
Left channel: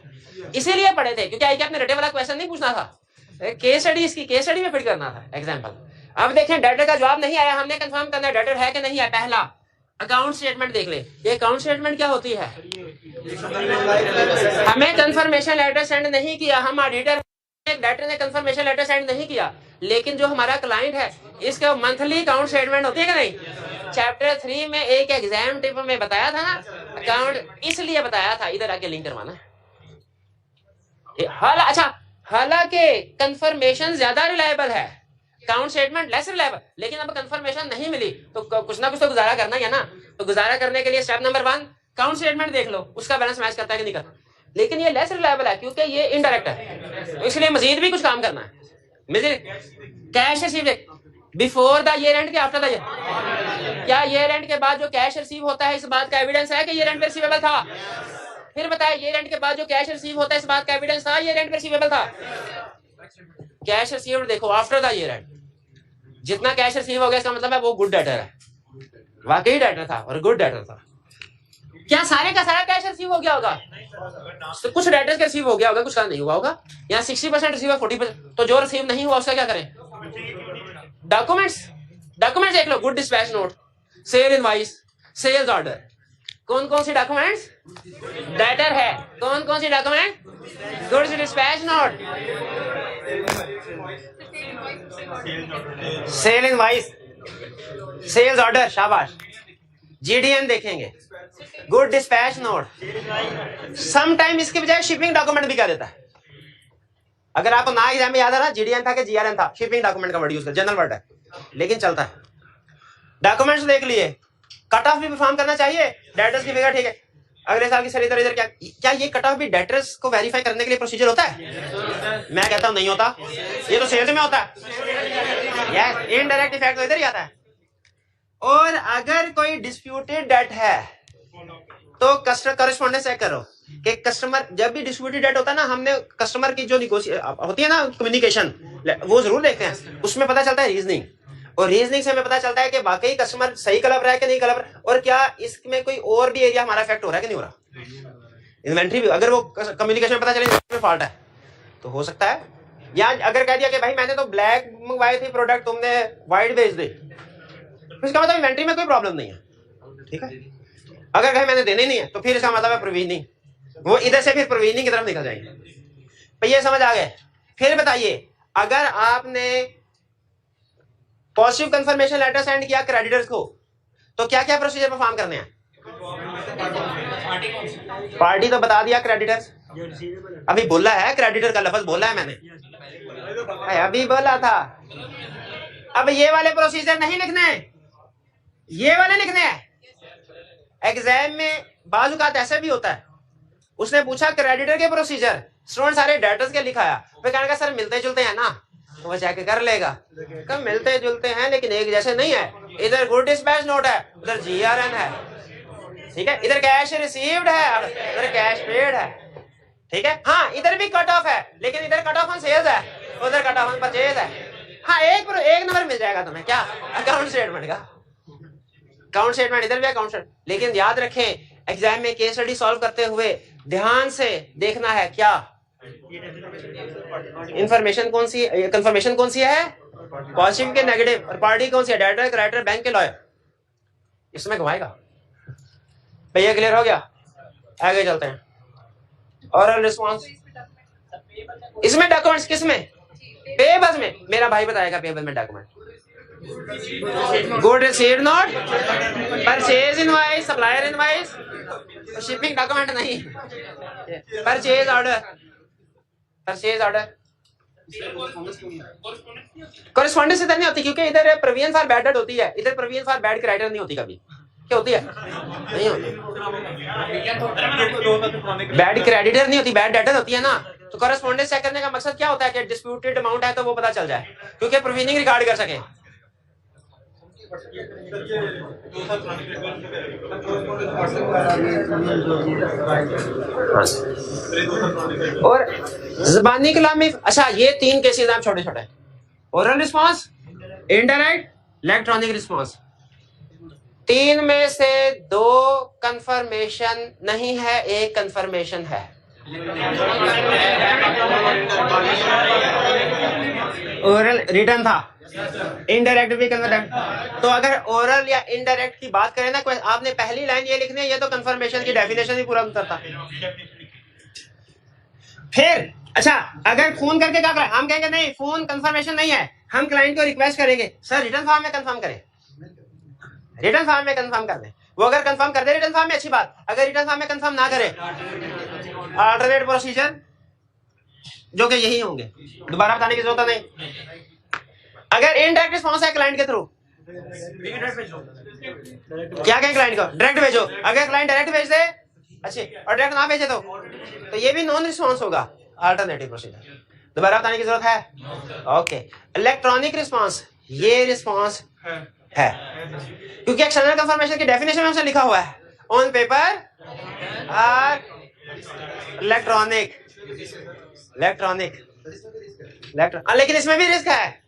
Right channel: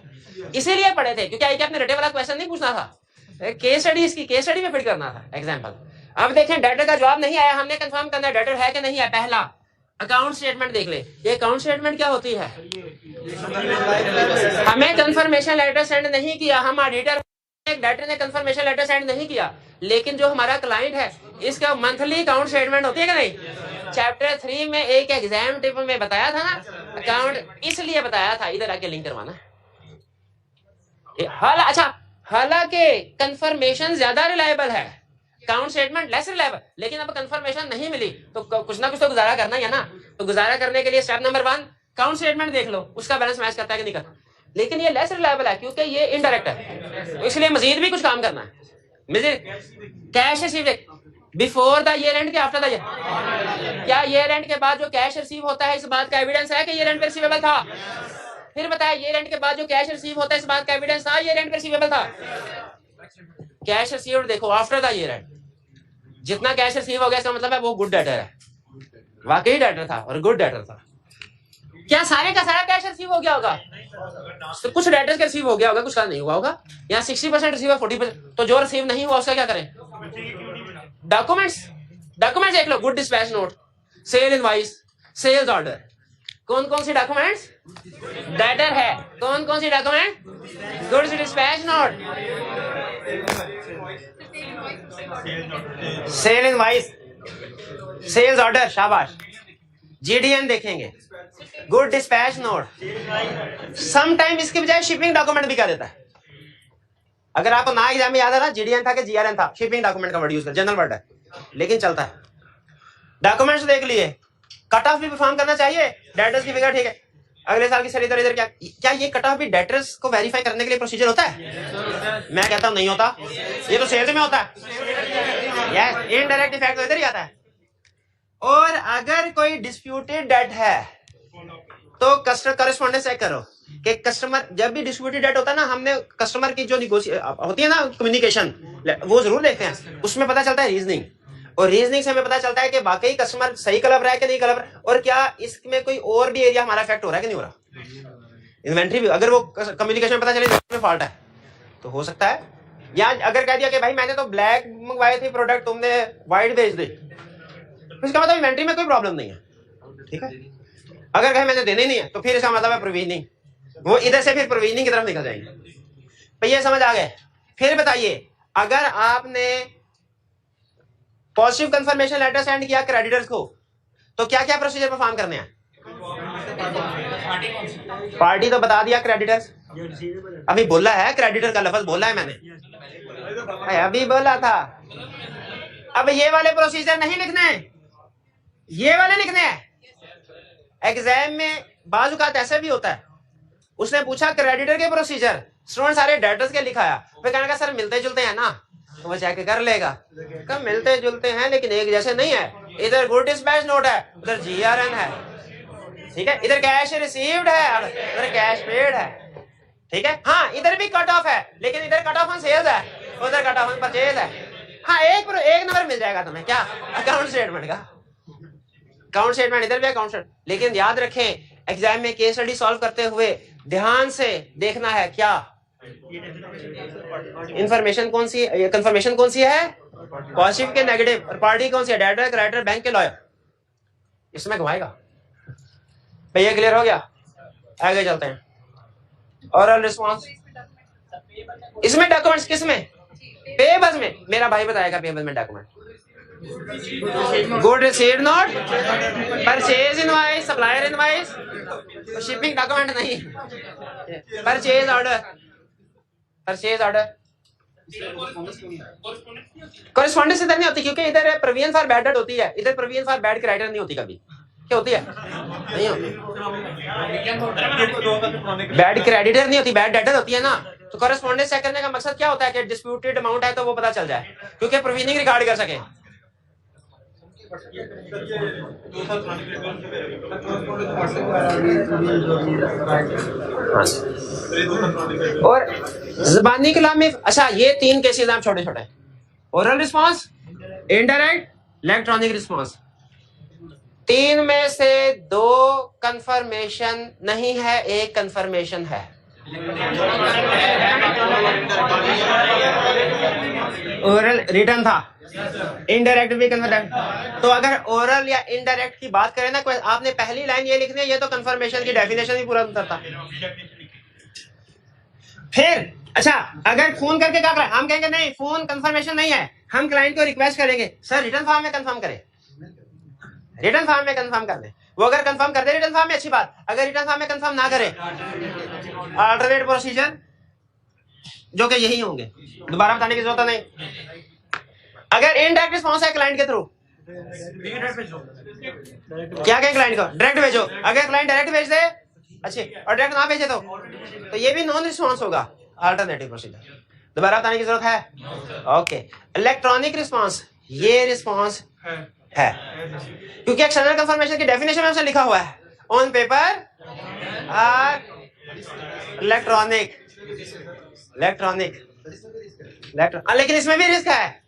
इसीलिए पढ़े थे क्योंकि आई आपने रटे वाला क्वेश्चन नहीं पूछना था, केस स्टडी, इसकी केस स्टडी में फिट करना था एग्जांपल। अब देखें डेटर का जवाब नहीं आया, हमने कंफर्म करना है डेटर है कि नहीं है। पहला अकाउंट स्टेटमेंट देख ले, ये अकाउंट स्टेटमेंट क्या होती है, हमें कंफर्मेशन लेटर सेंड नहीं किया, हम ऑडिटर, डेटर ने कंफर्मेशन लेटर सेंड नहीं किया, लेकिन जो हमारा क्लाइंट है इसका मंथली अकाउंट स्टेटमेंट होती है कि नहीं। चैप्टर 3 में एक एग्जाम टिप में बताया था ना, अकाउंट इसलिए बताया था, इधर आके लिंक करवाना। अच्छा, हालांकि कंफर्मेशन ज्यादा रिलायबल है, अकाउंट स्टेटमेंट लेस रिलायबल, लेकिन अब कंफर्मेशन नहीं मिली तो कुछ ना कुछ तो गुजारा करना ही है ना। तो गुजारा करने के लिए स्टेप नंबर 1 अकाउंट स्टेटमेंट देख लो, उसका बैलेंस मैच करता है कि नहीं करता। लेकिन ये लेस रिलायबल है क्योंकि ये इनडायरेक्ट है, तो इसलिए मजीद भी कुछ काम करना है। Cash receive before the year and के आफ्टर द ईयर, क्या ईयर एंड के बाद जो कैश रिसीव होता है इस बात का एविडेंस है कि ईयर एंड पे रिसीवेबल था। फिर बताया ईयर एंड के बाद जो कैश रिसीव होता है इस बात का एविडेंस था ईयर एंड पे रिसीवेबल था। कैश रिसीव देखो आफ्टर द ईयर एंड, जितना कैश रिसीव हो गया इसका मतलब है वो गुड डेटर है, वाकई डेटर था और गुड डेटर था। क्या सारे का सारा कैश रिसीव हो गया होगा, तो कुछ डेटर्स का रिसीव हो गया होगा, कुछ का नहीं हुआ होगा। यहाँ 60% रिसीव है, 40%, तो जो रिसीव नहीं हुआ उसका क्या करें। डॉक्यूमेंट्स देख लो, good dispatch note, sale invoice, sales order. कौन कौन सी डॉक्यूमेंट्स डेटर है, कौन कौन सी document, goods dispatch note, sale invoice, sales order, शाबाश। जीडीएन देखेंगे, good dispatch note, some time इसके बजाय शिपिंग डॉक्यूमेंट भी कह देता है। अगर आपको ना एग्जाम में याद है ना, GDN था कि GRN था, शिपिंग डॉक्यूमेंट का वर्ड यूज कर, जनरल वर्ड है लेकिन चलता है। डॉक्यूमेंट्स देख लिए, कट ऑफ भी परफॉर्म करना चाहिए, डेटर्स की फिगर ठीक है, अगले साल की सर इधर क्या ये कट ऑफ भी डेटर्स को वेरीफाई करने के लिए प्रोसीजर होता है? मैं कहता हूं नहीं होता, ये तो सेल्स में होता है। यस, इनडायरेक्ट इफेक्ट तो इधर ही आता है। और अगर कोई डिस्प्यूटेड डेट है तो कस्टमर कॉरेस्पॉन्डेंस चेक करो कि कस्टमर, जब भी डिस्प्यूटेड डेट होता है ना, हमने कस्टमर की जो होती है ना कम्युनिकेशन, वो जरूर देखते हैं, उसमें पता चलता है रीजनिंग, और रीजनिंग से हमें पता चलता है कि वाकई कस्टमर सही कलर रहा है कि नहीं कलर, और क्या इसमें कोई और भी एरिया हमारा इफेक्ट हो रहा है कि नहीं हो रहा। इन्वेंट्री भी अगर वो कम्युनिकेशन में पता चले इसमें फॉल्ट है तो हो सकता है। या अगर कह दिया कि भाई मैंने तो ब्लैक मंगवाए थे प्रोडक्ट, तुमने व्हाइट भेज दे, इसका मतलब इन्वेंट्री में कोई प्रॉब्लम नहीं है, ठीक है। अगर कहे मैंने देने ही नहीं है तो फिर इसका मतलब है प्रोविजनिंग, वो इधर से फिर प्रोविजनिंग की तरफ निकल जाएंगे। तो ये समझ आ गए। फिर बताइए, अगर आपने पॉजिटिव कंफर्मेशन लेटर सेंड किया क्रेडिटर्स को तो क्या क्या प्रोसीजर परफॉर्म करने हैं? पार्टी तो बता दिया, क्रेडिटर्स अभी बोला है, क्रेडिटर का लफ्ज बोला है मैंने, अभी बोला था। अब ये वाले प्रोसीजर नहीं लिखने, ये वाले लिखने हैं। एग्जाम में बाज़ औक़ात ऐसा भी होता है, उसने पूछा क्रेडिटर के प्रोसीजर, स्टूडेंट सारे डेटर्स के लिखाया, फिर कहने का सर मिलते जुलते हैं ना, तो वो चेक कर लेगा, कब मिलते जुलते हैं लेकिन एक जैसे नहीं है, इधर गुड डिस्पैच नोट है, उधर GRN है, ठीक है, इधर कैश रिसीव्ड है, उधर कैश पेड है, ठीक है। हाँ, इधर भी कट ऑफ है लेकिन इधर कट ऑफ ऑन सेल्स है, उधर कट ऑफ ऑन परचेज है। हाँ, एक नंबर मिल जाएगा तुम्हें, क्या अकाउंट स्टेटमेंट का, अकाउंट स्टेटमेंट इधर भी अकाउंट स्टेटमेंट। लेकिन याद रखें, एग्जाम में केस स्टडी सॉल्व करते हुए ध्यान से देखना है क्या इंफॉर्मेशन कौन सी है, कंफर्मेशन कौन सी है, पॉजिटिव के नेगेटिव, और पार्टी कौन सी है, डेटर, क्रेडिटर, बैंक के लॉयर, इसमें घुमाएगा। भैया क्लियर हो गया? आगे चलते हैं। ओरल रिस्पॉन्स, इसमें डॉक्यूमेंट्स किसमें? पेबल्स में। मेरा भाई बताएगा पेबल में document, good received note, purchase invoice, supplier invoice, shipping document नहीं, purchase order, purchase order. Correspondence इधर नहीं होती क्योंकि इधर प्रोविजन फॉर बैड डेट होती है, इधर प्रोविजन फॉर बैड क्रेडिटर नहीं होती। कभी क्या होती है? नहीं होती, बैड क्रेडिटर नहीं होती, बैड डेटर होती है ना। तो कॉरेस्पॉन्डेंस चेक करने का मकसद क्या होता है कि डिस्प्यूटेड अमाउंट है तो वो पता चल जाए, क्योंकि प्रोविजनिंग रिकॉर्ड कर सके। और ज़बानी कलाम में, अच्छा ये 3 केसेस हैं छोटे छोटे, oral response, indirect, electronic response. 3 में से 2 कंफर्मेशन नहीं है, 1 कंफर्मेशन है। ओरल रिटर्न था, इनडायरेक्ट भी कन्फर्म। तो अगर ओरल या इनडायरेक्ट की बात करें ना, कोई आपने पहली लाइन ये लिखनी है, ये तो कंफर्मेशन की डेफिनेशन ही पूरा करता। फिर अच्छा, अगर फोन करके क्या करें, हम कहेंगे नहीं फोन कंफर्मेशन नहीं है, हम क्लाइंट को रिक्वेस्ट करेंगे सर रिटर्न फॉर्म में कंफर्म करें, रिटर्न फॉर्म में कंफर्म कर दें। वो अगर कंफर्म कर दे रिटर्न फॉर्म में, अच्छी बात। अगर रिटर्न फॉर्म में कंफर्म ना करे, अल्टरनेट प्रोसीजर जो कि यही होंगे, दोबारा बताने की जरूरत नहीं। अगर इनडायरेक्ट रिस्पॉन्स है क्लाइंट के थ्रू, क्या कहें क्लाइंट को डायरेक्ट भेजो। अगर क्लाइंट डायरेक्ट भेज दे अच्छे, और डायरेक्ट ना भेजे तो ये भी नॉन रिस्पॉन्स होगा, अल्टरनेटिव प्रोसीजर। दोबारा बताने की जरूरत है? ओके। इलेक्ट्रॉनिक रिस्पॉन्स, ये रिस्पॉन्स है क्योंकि एक्सटर्नल कंफर्मेशन की डेफिनेशन में लिखा हुआ है ऑन पेपर और इलेक्ट्रॉनिक, लेकिन इसमें भी रिस्क है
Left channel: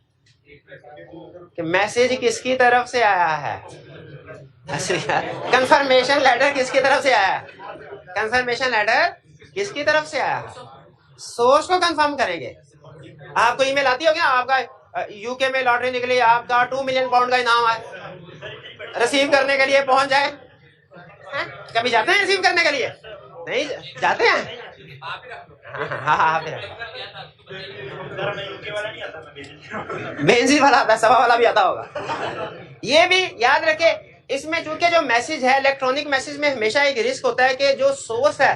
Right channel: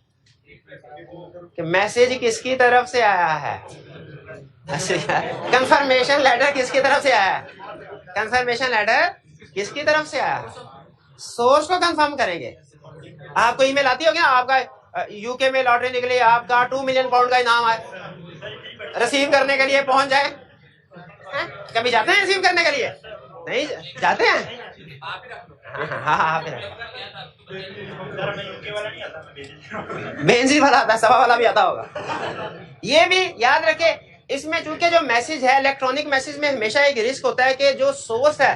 कि मैसेज किसकी तरफ से आया है, कंफर्मेशन लेटर किसकी तरफ से आया है, कंफर्मेशन लेटर किसकी तरफ से आया है, सोर्स को कंफर्म करेंगे। आपको ईमेल आती होगी ना, आपका यूके में लॉटरी निकली, आपका 2 मिलियन पाउंड का इनाम है, रिसीव करने के लिए पहुंच जाए। कभी जाते हैं रिसीव करने के लिए? नहीं जाते हैं। हाँ, बेंजी वाला आता है, सवा वाला भी आता होगा। ये भी याद रखे, इसमें चूंकि जो मैसेज है इलेक्ट्रॉनिक मैसेज में हमेशा एक रिस्क होता है कि जो सोर्स है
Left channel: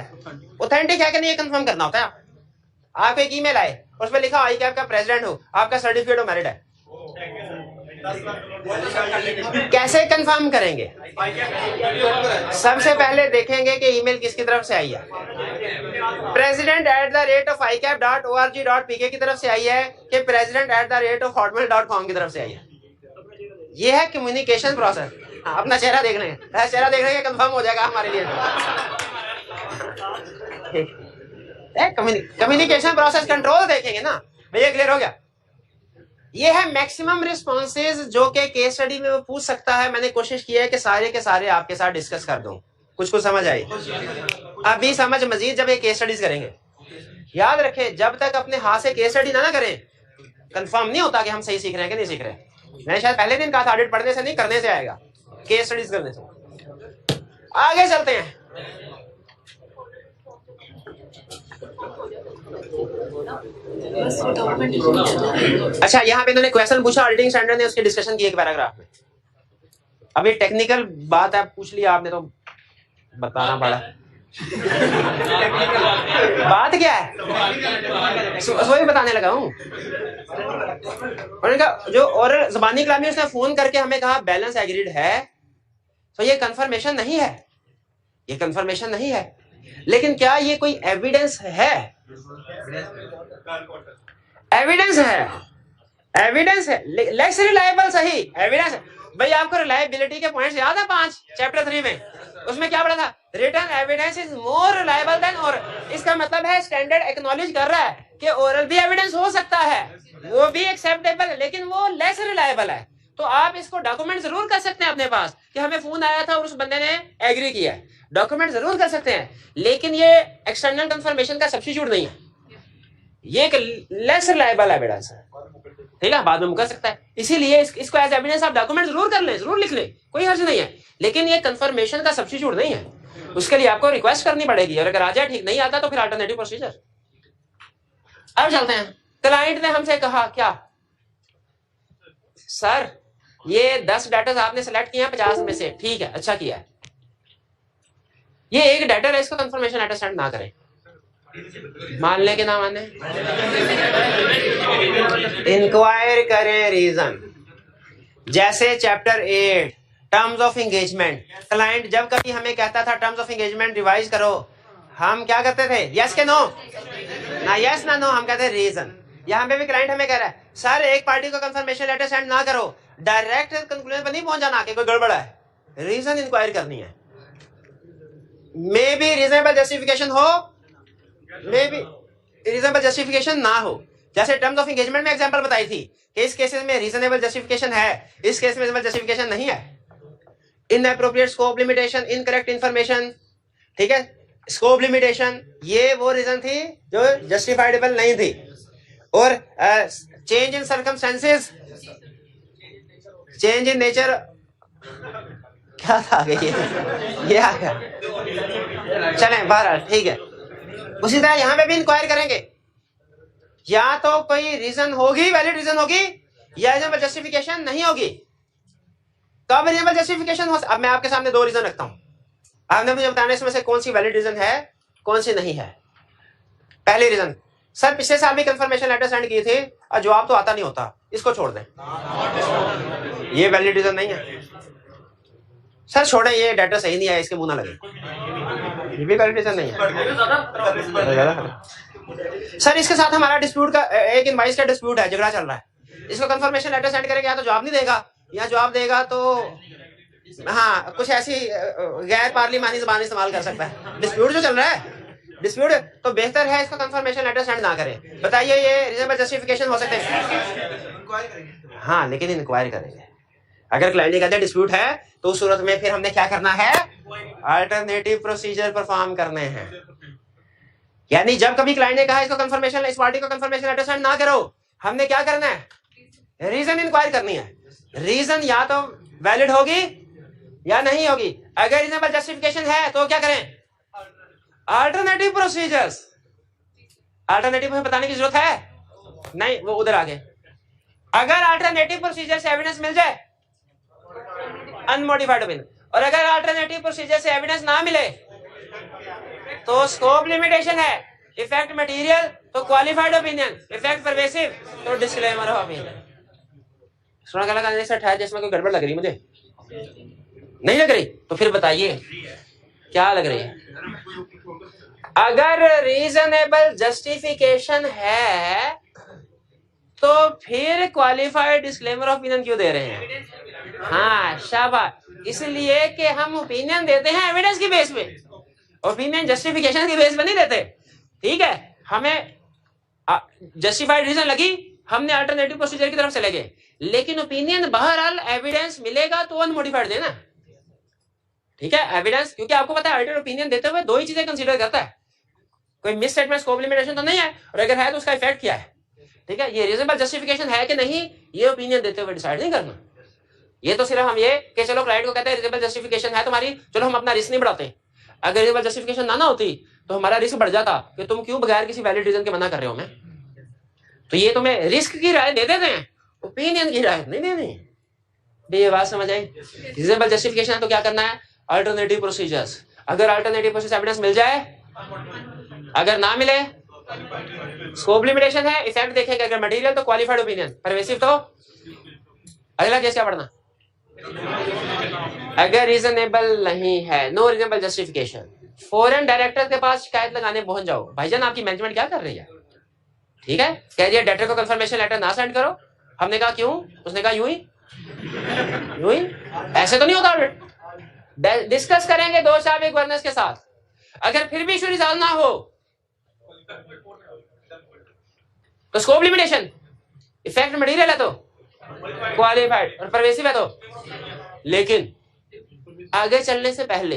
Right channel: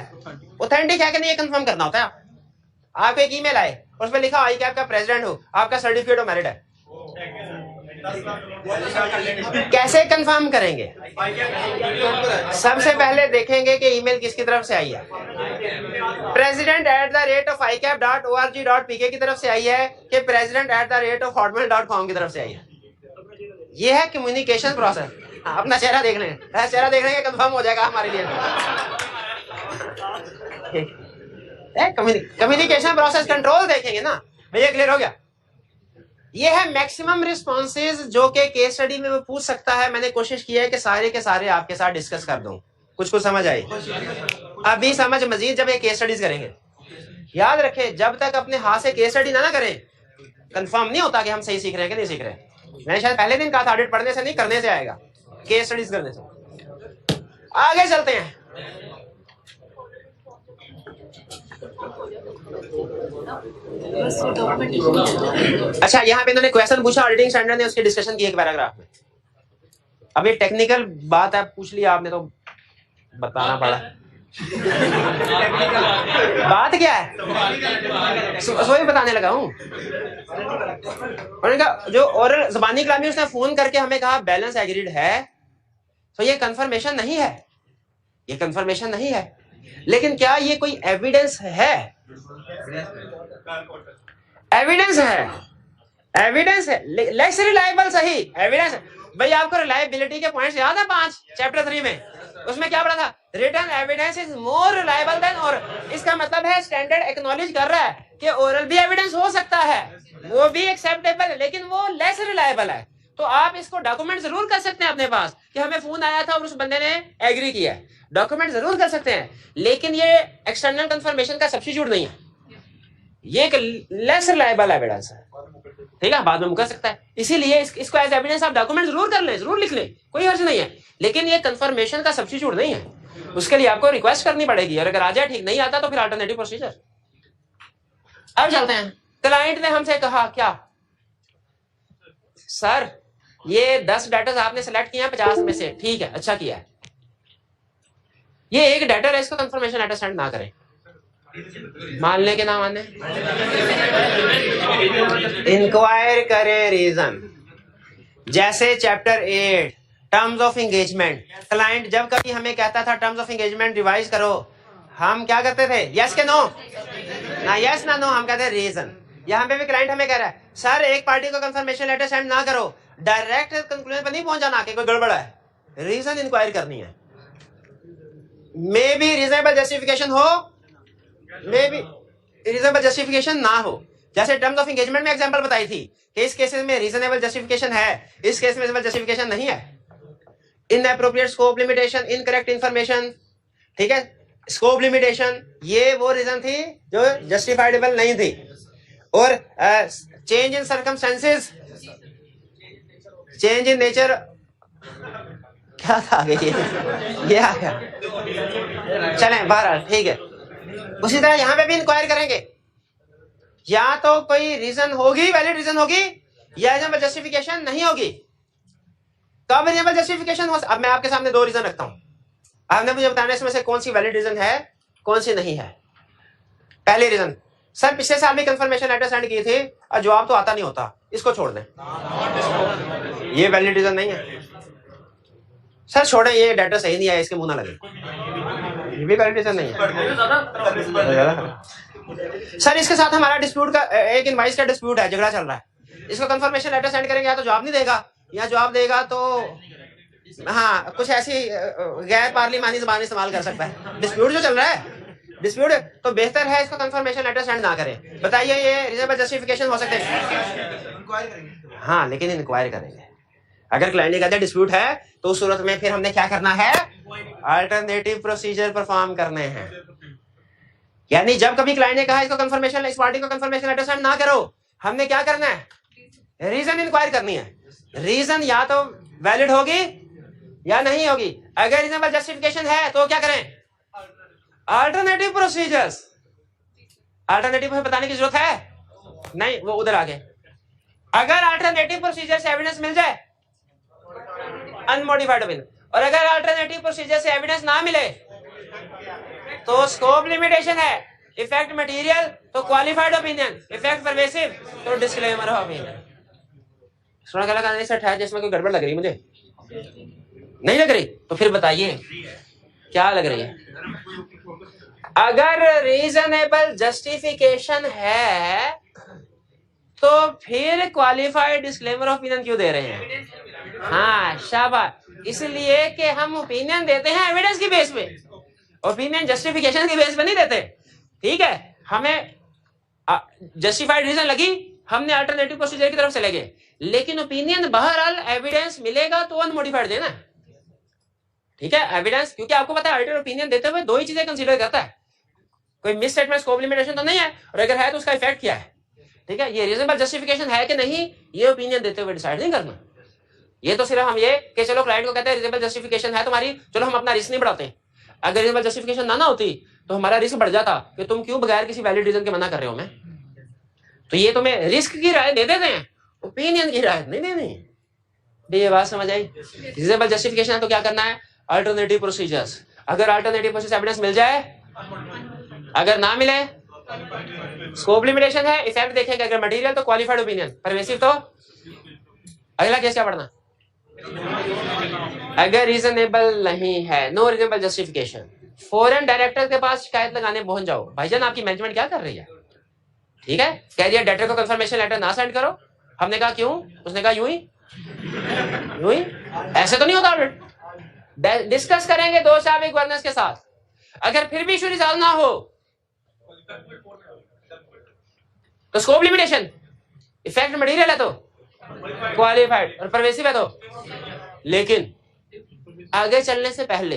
ऑथेंटिक है कि नहीं ये कंफर्म करना होता है। आपको एक ईमेल आए, उसमें लिखा आई कैप का प्रेसिडेंट हूं, आपका सर्टिफिकेट ऑफ मेरिट है, कैसे कंफर्म करेंगे? सबसे पहले देखेंगे कि ईमेल किसकी तरफ से आई है। president@ificap.org.pk की तरफ से आई है कि president@hotmail.com की तरफ से आई है। ये है कम्युनिकेशन प्रोसेस। अपना चेहरा देख लें, चेहरा देख लेंगे कंफर्म हो जाएगा हमारे लिए। कम्युनिकेशन प्रोसेस कंट्रोल देखेंगे ना भैया, क्लियर हो गया? ये है मैक्सिमम रिस्पॉन्सेज जो कि केस स्टडी में वो पूछ सकता है। मैंने कोशिश की है कि सारे के सारे आपके साथ डिस्कस कर दूं, कुछ समझ आई। अभी समझ मजीद जब ये केस स्टडीज करेंगे। याद रखें, जब तक अपने हाथ से केस स्टडी ना करें, कंफर्म नहीं होता कि हम सही सीख रहे हैं कि नहीं सीख रहे हैं। मैंने शायद पहले दिन कहा था, ऑडिट पढ़ने से नहीं करने से आएगा, केस स्टडीज करने से। आगे चलते हैं। अच्छा, यहाँ पे इन्होंने क्वेश्चन पूछा, ऑडिटिंग स्टैंडर्ड ने उसकी डिस्कशन की एक पैराग्राफ में। अब ये टेक्निकल बात है, पूछ लिया आपने तो बताना पड़ा। बात क्या है, वही बताने लगा हूँ। उन्होंने कहा जो ओरल ज़बानी कलामी, उसने फोन करके हमें कहा बैलेंस एग्रीड है, तो ये कंफर्मेशन नहीं है, ये कंफर्मेशन नहीं है। लेकिन क्या ये कोई एविडेंस है? एविडेंस है, एविडेंस है, लेस रिलायबल सही एविडेंस। भाई आपको रिलायबिलिटी के पॉइंट्स याद है 5 चैप्टर 3 में? उसमें क्या पढ़ा था? Written evidence is more reliable than oral. इसका मतलब है स्टैंडर्ड एक्नॉलेज कर रहा है कि ओरल भी एविडेंस हो सकता है, वो भी एक्सेप्टेबल है, लेकिन वो लेस रिलायबल है। तो आप इसको डॉक्यूमेंट जरूर कर सकते हैं अपने पास कि हमें फोन आया था और उस बंदे ने एग्री किया है, डॉक्यूमेंट जरूर कर सकते हैं, लेकिन ये एक्सटर्नल कंफर्मेशन का सब्स्टिट्यूट नहीं है, ये एक लेस रिलायबल एविडेंस है। ठीक है, बाद में मुकर सकता है, इसीलिए इसको एज एविडेंस आप डॉक्यूमेंट जरूर कर लें, जरूर लिख लें, कोई हर्ज नहीं है, लेकिन ये कंफर्मेशन का सब्स्टिट्यूट नहीं है। उसके लिए आपको रिक्वेस्ट करनी पड़ेगी, और अगर आ जाए, ठीक नहीं आता तो फिर अल्टरनेटिव प्रोसीजर। अब चलते हैं। क्लाइंट ने हमसे कहा क्या, सर ये 10 डेटर्स आपने सेलेक्ट किए हैं 50 में से, ठीक है, अच्छा किया है, ये एक डेटर है, इसको कंफर्मेशन लेटर सेंड ना करें। मान ले के ना माने, इंक्वायर करें रीजन। जैसे chapter 8 terms of engagement, client जब कभी हमें कहता था टर्म्स ऑफ एंगेजमेंट रिवाइज करो, हम क्या करते थे? यस के नो, ना यस ना नो, हम कहते हैं रीजन। यहाँ पे भी क्लाइंट हमें कह रहा है सर एक पार्टी को कंफर्मेशन लेटर सेंड ना करो, डायरेक्ट कंक्लूजन पर नहीं पहुंचाना कि कोई गड़बड़ है, रीजन इंक्वायर करनी है। मे बी रीजनेबल जस्टिफिकेशन हो, मे बी रीजनेबल जस्टिफिकेशन ना हो। जैसे टर्म्स ऑफ एंगेजमेंट में एग्जांपल बताई थी कि इस केसेस में रीजनेबल जस्टिफिकेशन है, इस केस में रीजनेबल जस्टिफिकेशन नहीं है। Inappropriate scope limitation, incorrect information, ठीक है, स्कोप लिमिटेशन, ये वो रीजन थी जो जस्टिफाइडेबल नहीं थी। और change in circumstances, change in nature, क्या था ये आ गया, चलें बहरहाल ठीक है। उसी तरह यहां पे भी इंक्वायर करेंगे, या तो कोई रीजन होगी, वैलिड रीजन होगी, या रीजनेबल जस्टिफिकेशन नहीं होगी। कब रीजनेबल जस्टिफिकेशन हो? अब मैं आपके सामने 2 रीजन रखता हूं, आपने मुझे बताना इसमें से कौन सी वैलिड रीजन है, कौन सी नहीं है। पहले रीजन, सर पिछले साल भी कंफर्मेशन लेटर सेंड किए थे और जवाब तो आता नहीं होता, इसको छोड़ दें, ये वैलिड रीजन नहीं है। सर छोड़ें, ये डाटा सही नहीं आया, इसके मुंह ना लगे, ये भी वैलिड रीजन नहीं है। सर इसके साथ हमारा डिस्प्यूट का, एक इनवाइस का डिस्प्यूट है, झगड़ा चल रहा है, इसको कंफर्मेशन लेटर सेंड करेंगे, या तो जवाब नहीं देगा, या जवाब देगा तो हाँ कुछ ऐसी गैर पार्लिमानी ज़बान इस्तेमाल कर सकता है। डिस्प्यूट जो चल रहा है, डिस्प्यूट, तो बेहतर है इसको कंफर्मेशन लेटर सेंड ना करें। बताइए ये रीजनेबल जस्टिफिकेशन हो सकते हैं? हाँ, लेकिन इंक्वायरी करेंगे। अगर क्लाइंट कहते हैं डिस्प्यूट है, तो उस सूरत में फिर हमने क्या करना है? अल्टरनेटिव प्रोसीजर परफॉर्म करने हैं। यानी जब कभी क्लाइंट ने कहा इसको कंफर्मेशन, इस पार्टी को कंफर्मेशन लेटर सेंड ना करो, हमने क्या करना है? रीजन इंक्वायर करनी है। रीजन या तो वैलिड होगी या नहीं होगी। अगर रीजनेबल जस्टिफिकेशन है तो क्या करें? Alternative procedures. अल्टरनेटिव बताने की जरूरत है नहीं, वो उधर आगे। अगर अल्टरनेटिव प्रोसीजर से एविडेंस मिल जाए, अनमोडिफाइड ओपिनियन, और अगर अल्टरनेटिव प्रोसीजर से एविडेंस ना मिले तो स्कोप लिमिटेशन है, इफेक्ट मटेरियल तो क्वालिफाइड ओपिनियन, इफेक्ट परवेसिव तो डिस्क्लेमर ऑफ ओपिनियन। सुना गला करने से ठहर जिसमें कोई गड़बड़ लग रही मुझे, नहीं लग रही तो फिर बताइए क्या लग रही है। अगर रीजनेबल जस्टिफिकेशन है तो फिर क्वालिफाइड डिस्क्लेमर ऑफ ओपिनियन क्यों दे रहे हैं? हाँ शाबाश, इसलिए कि हम ओपिनियन देते हैं एविडेंस की बेस पे, ओपिनियन जस्टिफिकेशन की बेस पे नहीं देते। ठीक है, हमें जस्टिफाइड रीजन लगी, हमने अल्टरनेटिव प्रोसीजर की तरफ चले गए, लेकिन ओपिनियन बहरहाल एविडेंस मिलेगा तो अनमोडिफाइड देना। ठीक है, एविडेंस, क्योंकि आपको पता है अल्टर ओपिनियन देते हुए दो ही चीजें कंसीडर करता है, कोई मिस स्टेटमेंट स्कोप लिमिटेशन तो नहीं है, और अगर है तो उसका इफेक्ट क्या है। ठीक है, ये रीजनेबल जस्टिफिकेशन है कि नहीं ये ओपिनियन देते हुए डिसाइड नहीं करना। ये तो सिर्फ हम ये कि चलो क्लाइंट को कहते हैं रीजनेबल जस्टिफिकेशन है तुम्हारी, चलो हम अपना रिस्क नहीं बढ़ाते। अगर रीजनेबल जस्टिफिकेशन ना होती तो हमारा रिस्क बढ़ जाता कि तुम क्यों बगैर किसी वैलिड रीजन के मना कर रहे हो। मैं तो ये तुम्हें रिस्क की राय दे देते हैं, ओपिनियन की राय नहीं देनी। ये बात समझ आई? रीजनेबल जस्टिफिकेशन तो क्या करना है, अल्टरनेटिव प्रोसीजर्स। अगर अल्टरनेटिव प्रोसेस एविडेंस मिल जाए, अगर ना मिले स्कोप लिमिटेशन है, इफेक्ट देखेंगे, अगर मटेरियल तो क्वालिफाइड ओपिनियन, परवेसिव तो अगला केस क्या पढ़ना। अगर रीजनेबल नहीं है, no reasonable justification, foreign director के पास शिकायत लगाने पहुंच जाओ, भाईजान आपकी मैनेजमेंट क्या कर रही है। ठीक है, कह रही है डायरेक्टर को कंफर्मेशन लेटर ना सेंड करो। हमने कहा क्यों, उसने कहा यूं ही, ऐसे तो नहीं होता ऑडिट। डिस्कस करेंगे दो साहब गवर्नेंस के साथ, अगर फिर भी इशू रिजॉल्व ना हो तो स्कोप लिमिटेशन, इफेक्ट मटेरियल है तो क्वालिफाइड और परवेसिव है तो। लेकिन आगे चलने से पहले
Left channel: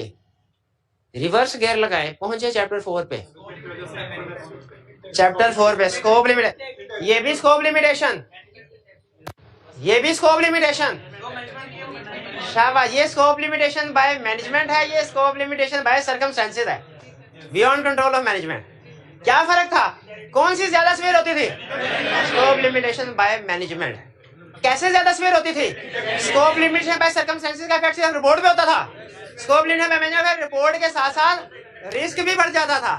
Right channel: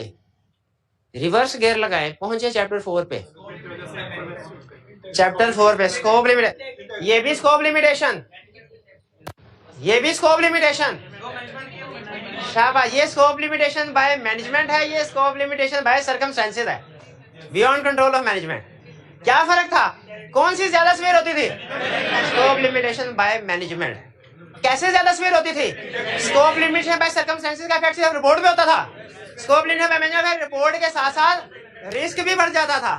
रिवर्स गियर लगाए, पहुंचे चैप्टर 4 पे। चैप्टर 4 पे स्कोप लिमिटेशन, ये भी स्कोप लिमिटेशन, ये भी स्कोप लिमिटेशन। शाबाश, ये स्कोप लिमिटेशन बाय मैनेजमेंट है, ये स्कोप लिमिटेशन बाय सर्कमस्टेंसेस है, बियॉन्ड कंट्रोल ऑफ मैनेजमेंट। क्या फर्क था, कौन सी ज्यादा स्वेयर होती थी? Scope limitation by management. कैसे ज्यादा स्वेयर होती थी? स्कोप लिमिटेशन बाय सर्कमस्टेंसेस का इफेक्ट सिर्फ रिपोर्ट पे होता था, scope limitation by management report के साथ साथ रिस्क भी बढ़ जाता था,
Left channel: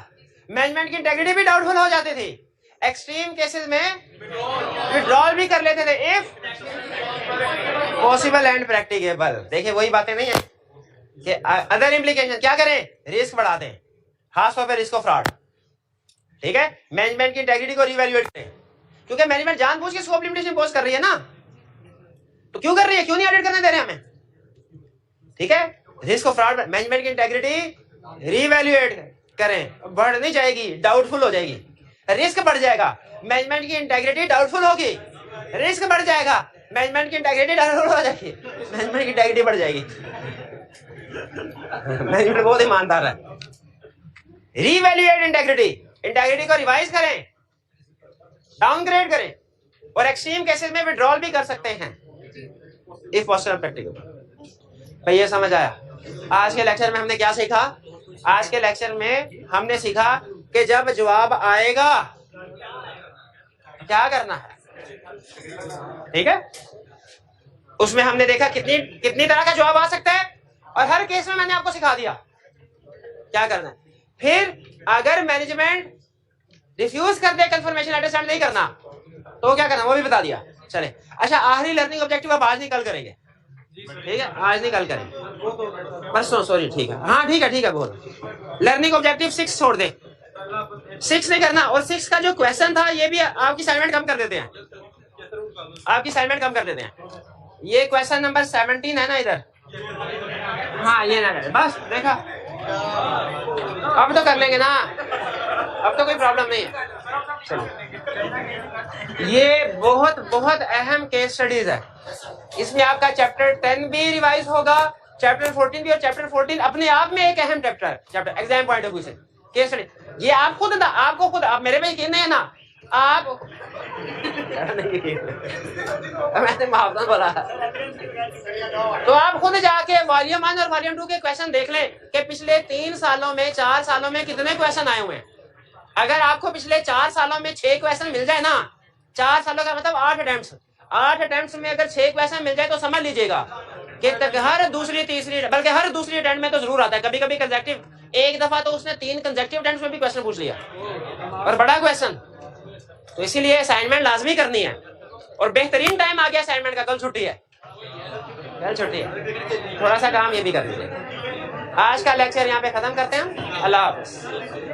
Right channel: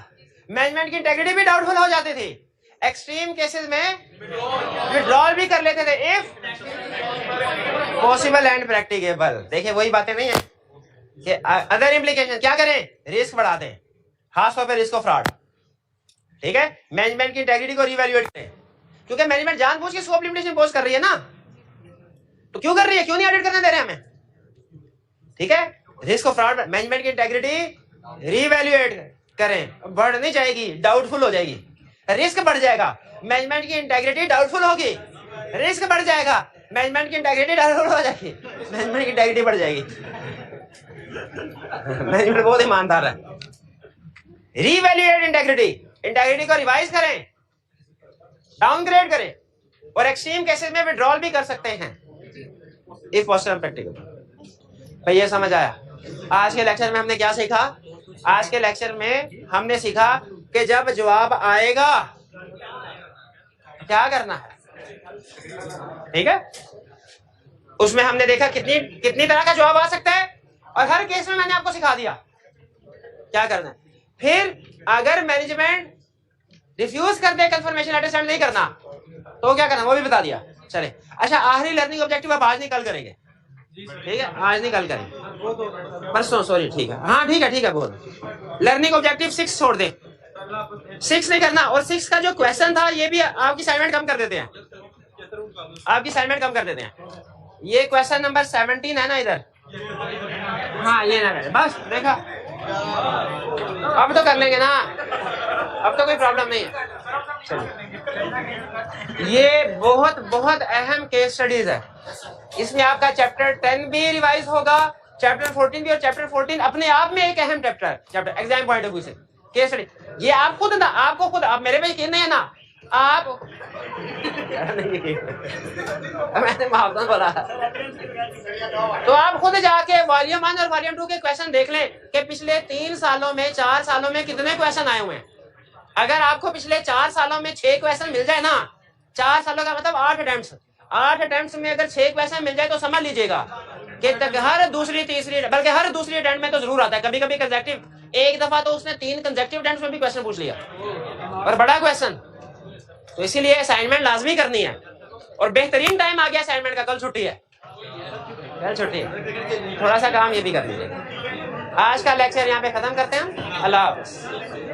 मैनेजमेंट की इंटेग्रिटी भी डाउटफुल हो जाती थी, एक्सट्रीम केसेस में विड्रॉल भी कर लेते थे इफ पॉसिबल एंड प्रैक्टिकेबल। देखिए वही बातें नहीं है कि अदर इम्प्लीकेशन क्या करें, रिस्क बढ़ा दें, खासतौर पर रिस्क ऑफ फ्रॉड। ठीक है, मैनेजमेंट की इंटेग्रिटी को रिवैल्यूएट करें, क्योंकि मैनेजमेंट जानबूझ के स्कोप लिमिटेशन इम्पोज कर रही है ना, तो क्यों कर रही है, क्यों नहीं ऑडिट करने दे रहे हमें। ठीक है, रिस्क ऑफ फ्रॉड, मैनेजमेंट की इंटेग्रिटी रिवैल्यूएट करें, बढ़ नहीं जाएगी, डाउटफुल हो जाएगी, रिस्क बढ़ जाएगा, मैनेजमेंट की इंटेग्रिटी डाउटफुल होगी, रिस्क बढ़ जाएगा, मैनेजमेंट की इंटेग्रिटी डाउटफुल हो जाएगी, मैनेजमेंट की इंटेग्रिटी बढ़ जाएगी। मैनेजमेंट बहुत ईमानदार है। रिवैल्यूएट इंटेग्रिटी, इंटेग्रिटी को रिवाइज करें, डाउनग्रेड करें, और एक्सट्रीम केसेस में विड्रॉल भी कर सकते हैं इफ पॉसिबल प्रैक्टिकल। भाई ये समझ आया? आज के लेक्चर में हमने क्या सीखा? आज के लेक्चर में हमने सीखा कि जब जवाब आएगा क्या करना है। ठीक है, उसमें हमने देखा कितनी तरह का जवाब आ सकता है, और हर केस में मैंने आपको सिखा दिया क्या करना है। फिर अगर मैनेजमेंट रिफ्यूज कर दे कंफर्मेशन लेटर सेंड नहीं करना तो क्या करना, वो भी बता दिया। चले, अच्छा आखिरी लर्निंग ऑब्जेक्टिव आप आज नहीं कल करेंगे। ठीक है, आज नहीं कल करेंगे, परसों, सॉरी। ठीक है, हाँ ठीक है बोल। लर्निंग ऑब्जेक्टिव 6 छोड़ दे, 6 नहीं करना, और 6 का जो क्वेश्चन था ये भी आपकी असाइनमेंट कम कर देते हैं, आपकी असाइनमेंट कम कर देते हैं। ये क्वेश्चन नंबर 17 है ना इधर, हाँ ये ना करें, बस देखा, अब तो कर लेंगे ना, अब तो कोई प्रॉब्लम नहीं है। ये बहुत अहम केस स्टडीज है, इसमें आपका चैप्टर 10 भी रिवाइज होगा, चैप्टर 14 भी, और चैप्टर 14 अपने आप में एक अहम chapter exam point of view से केस स्टडी। ये आप खुद ना, आपको खुद, आप मेरे में यकीन नहीं है ना, आप मैंने माफ बोला, तो आप खुद जाके वॉल्यूम 1 और वॉल्यूम 2 के क्वेश्चन देख लें कि पिछले 3 सालों में, 4 सालों में कितने क्वेश्चन आए हुए हैं। अगर आपको पिछले 4 सालों में 6 क्वेश्चन मिल जाए ना, 4 सालों का मतलब 8 अटेम्प्ट्स में अगर 6 क्वेश्चन मिल जाए तो समझ लीजिएगा कि हर दूसरी तीसरी, बल्कि हर दूसरी अटेम्प्ट में तो जरूर आता है, कभी कभी कंसेक्टिव एक दफा तो उसने 3 कंसेक्यूटिव अटेम्प्ट्स में भी क्वेश्चन पूछ लिया और बड़ा क्वेश्चन, तो इसीलिए असाइनमेंट लाजमी करनी है। और बेहतरीन टाइम आ गया असाइनमेंट का, कल छुट्टी है, कल छुट्टी है, थोड़ा सा काम ये भी कर लीजिए। आज का लेक्चर यहाँ पे खत्म करते हैं, अल्लाह हाफ़िज़।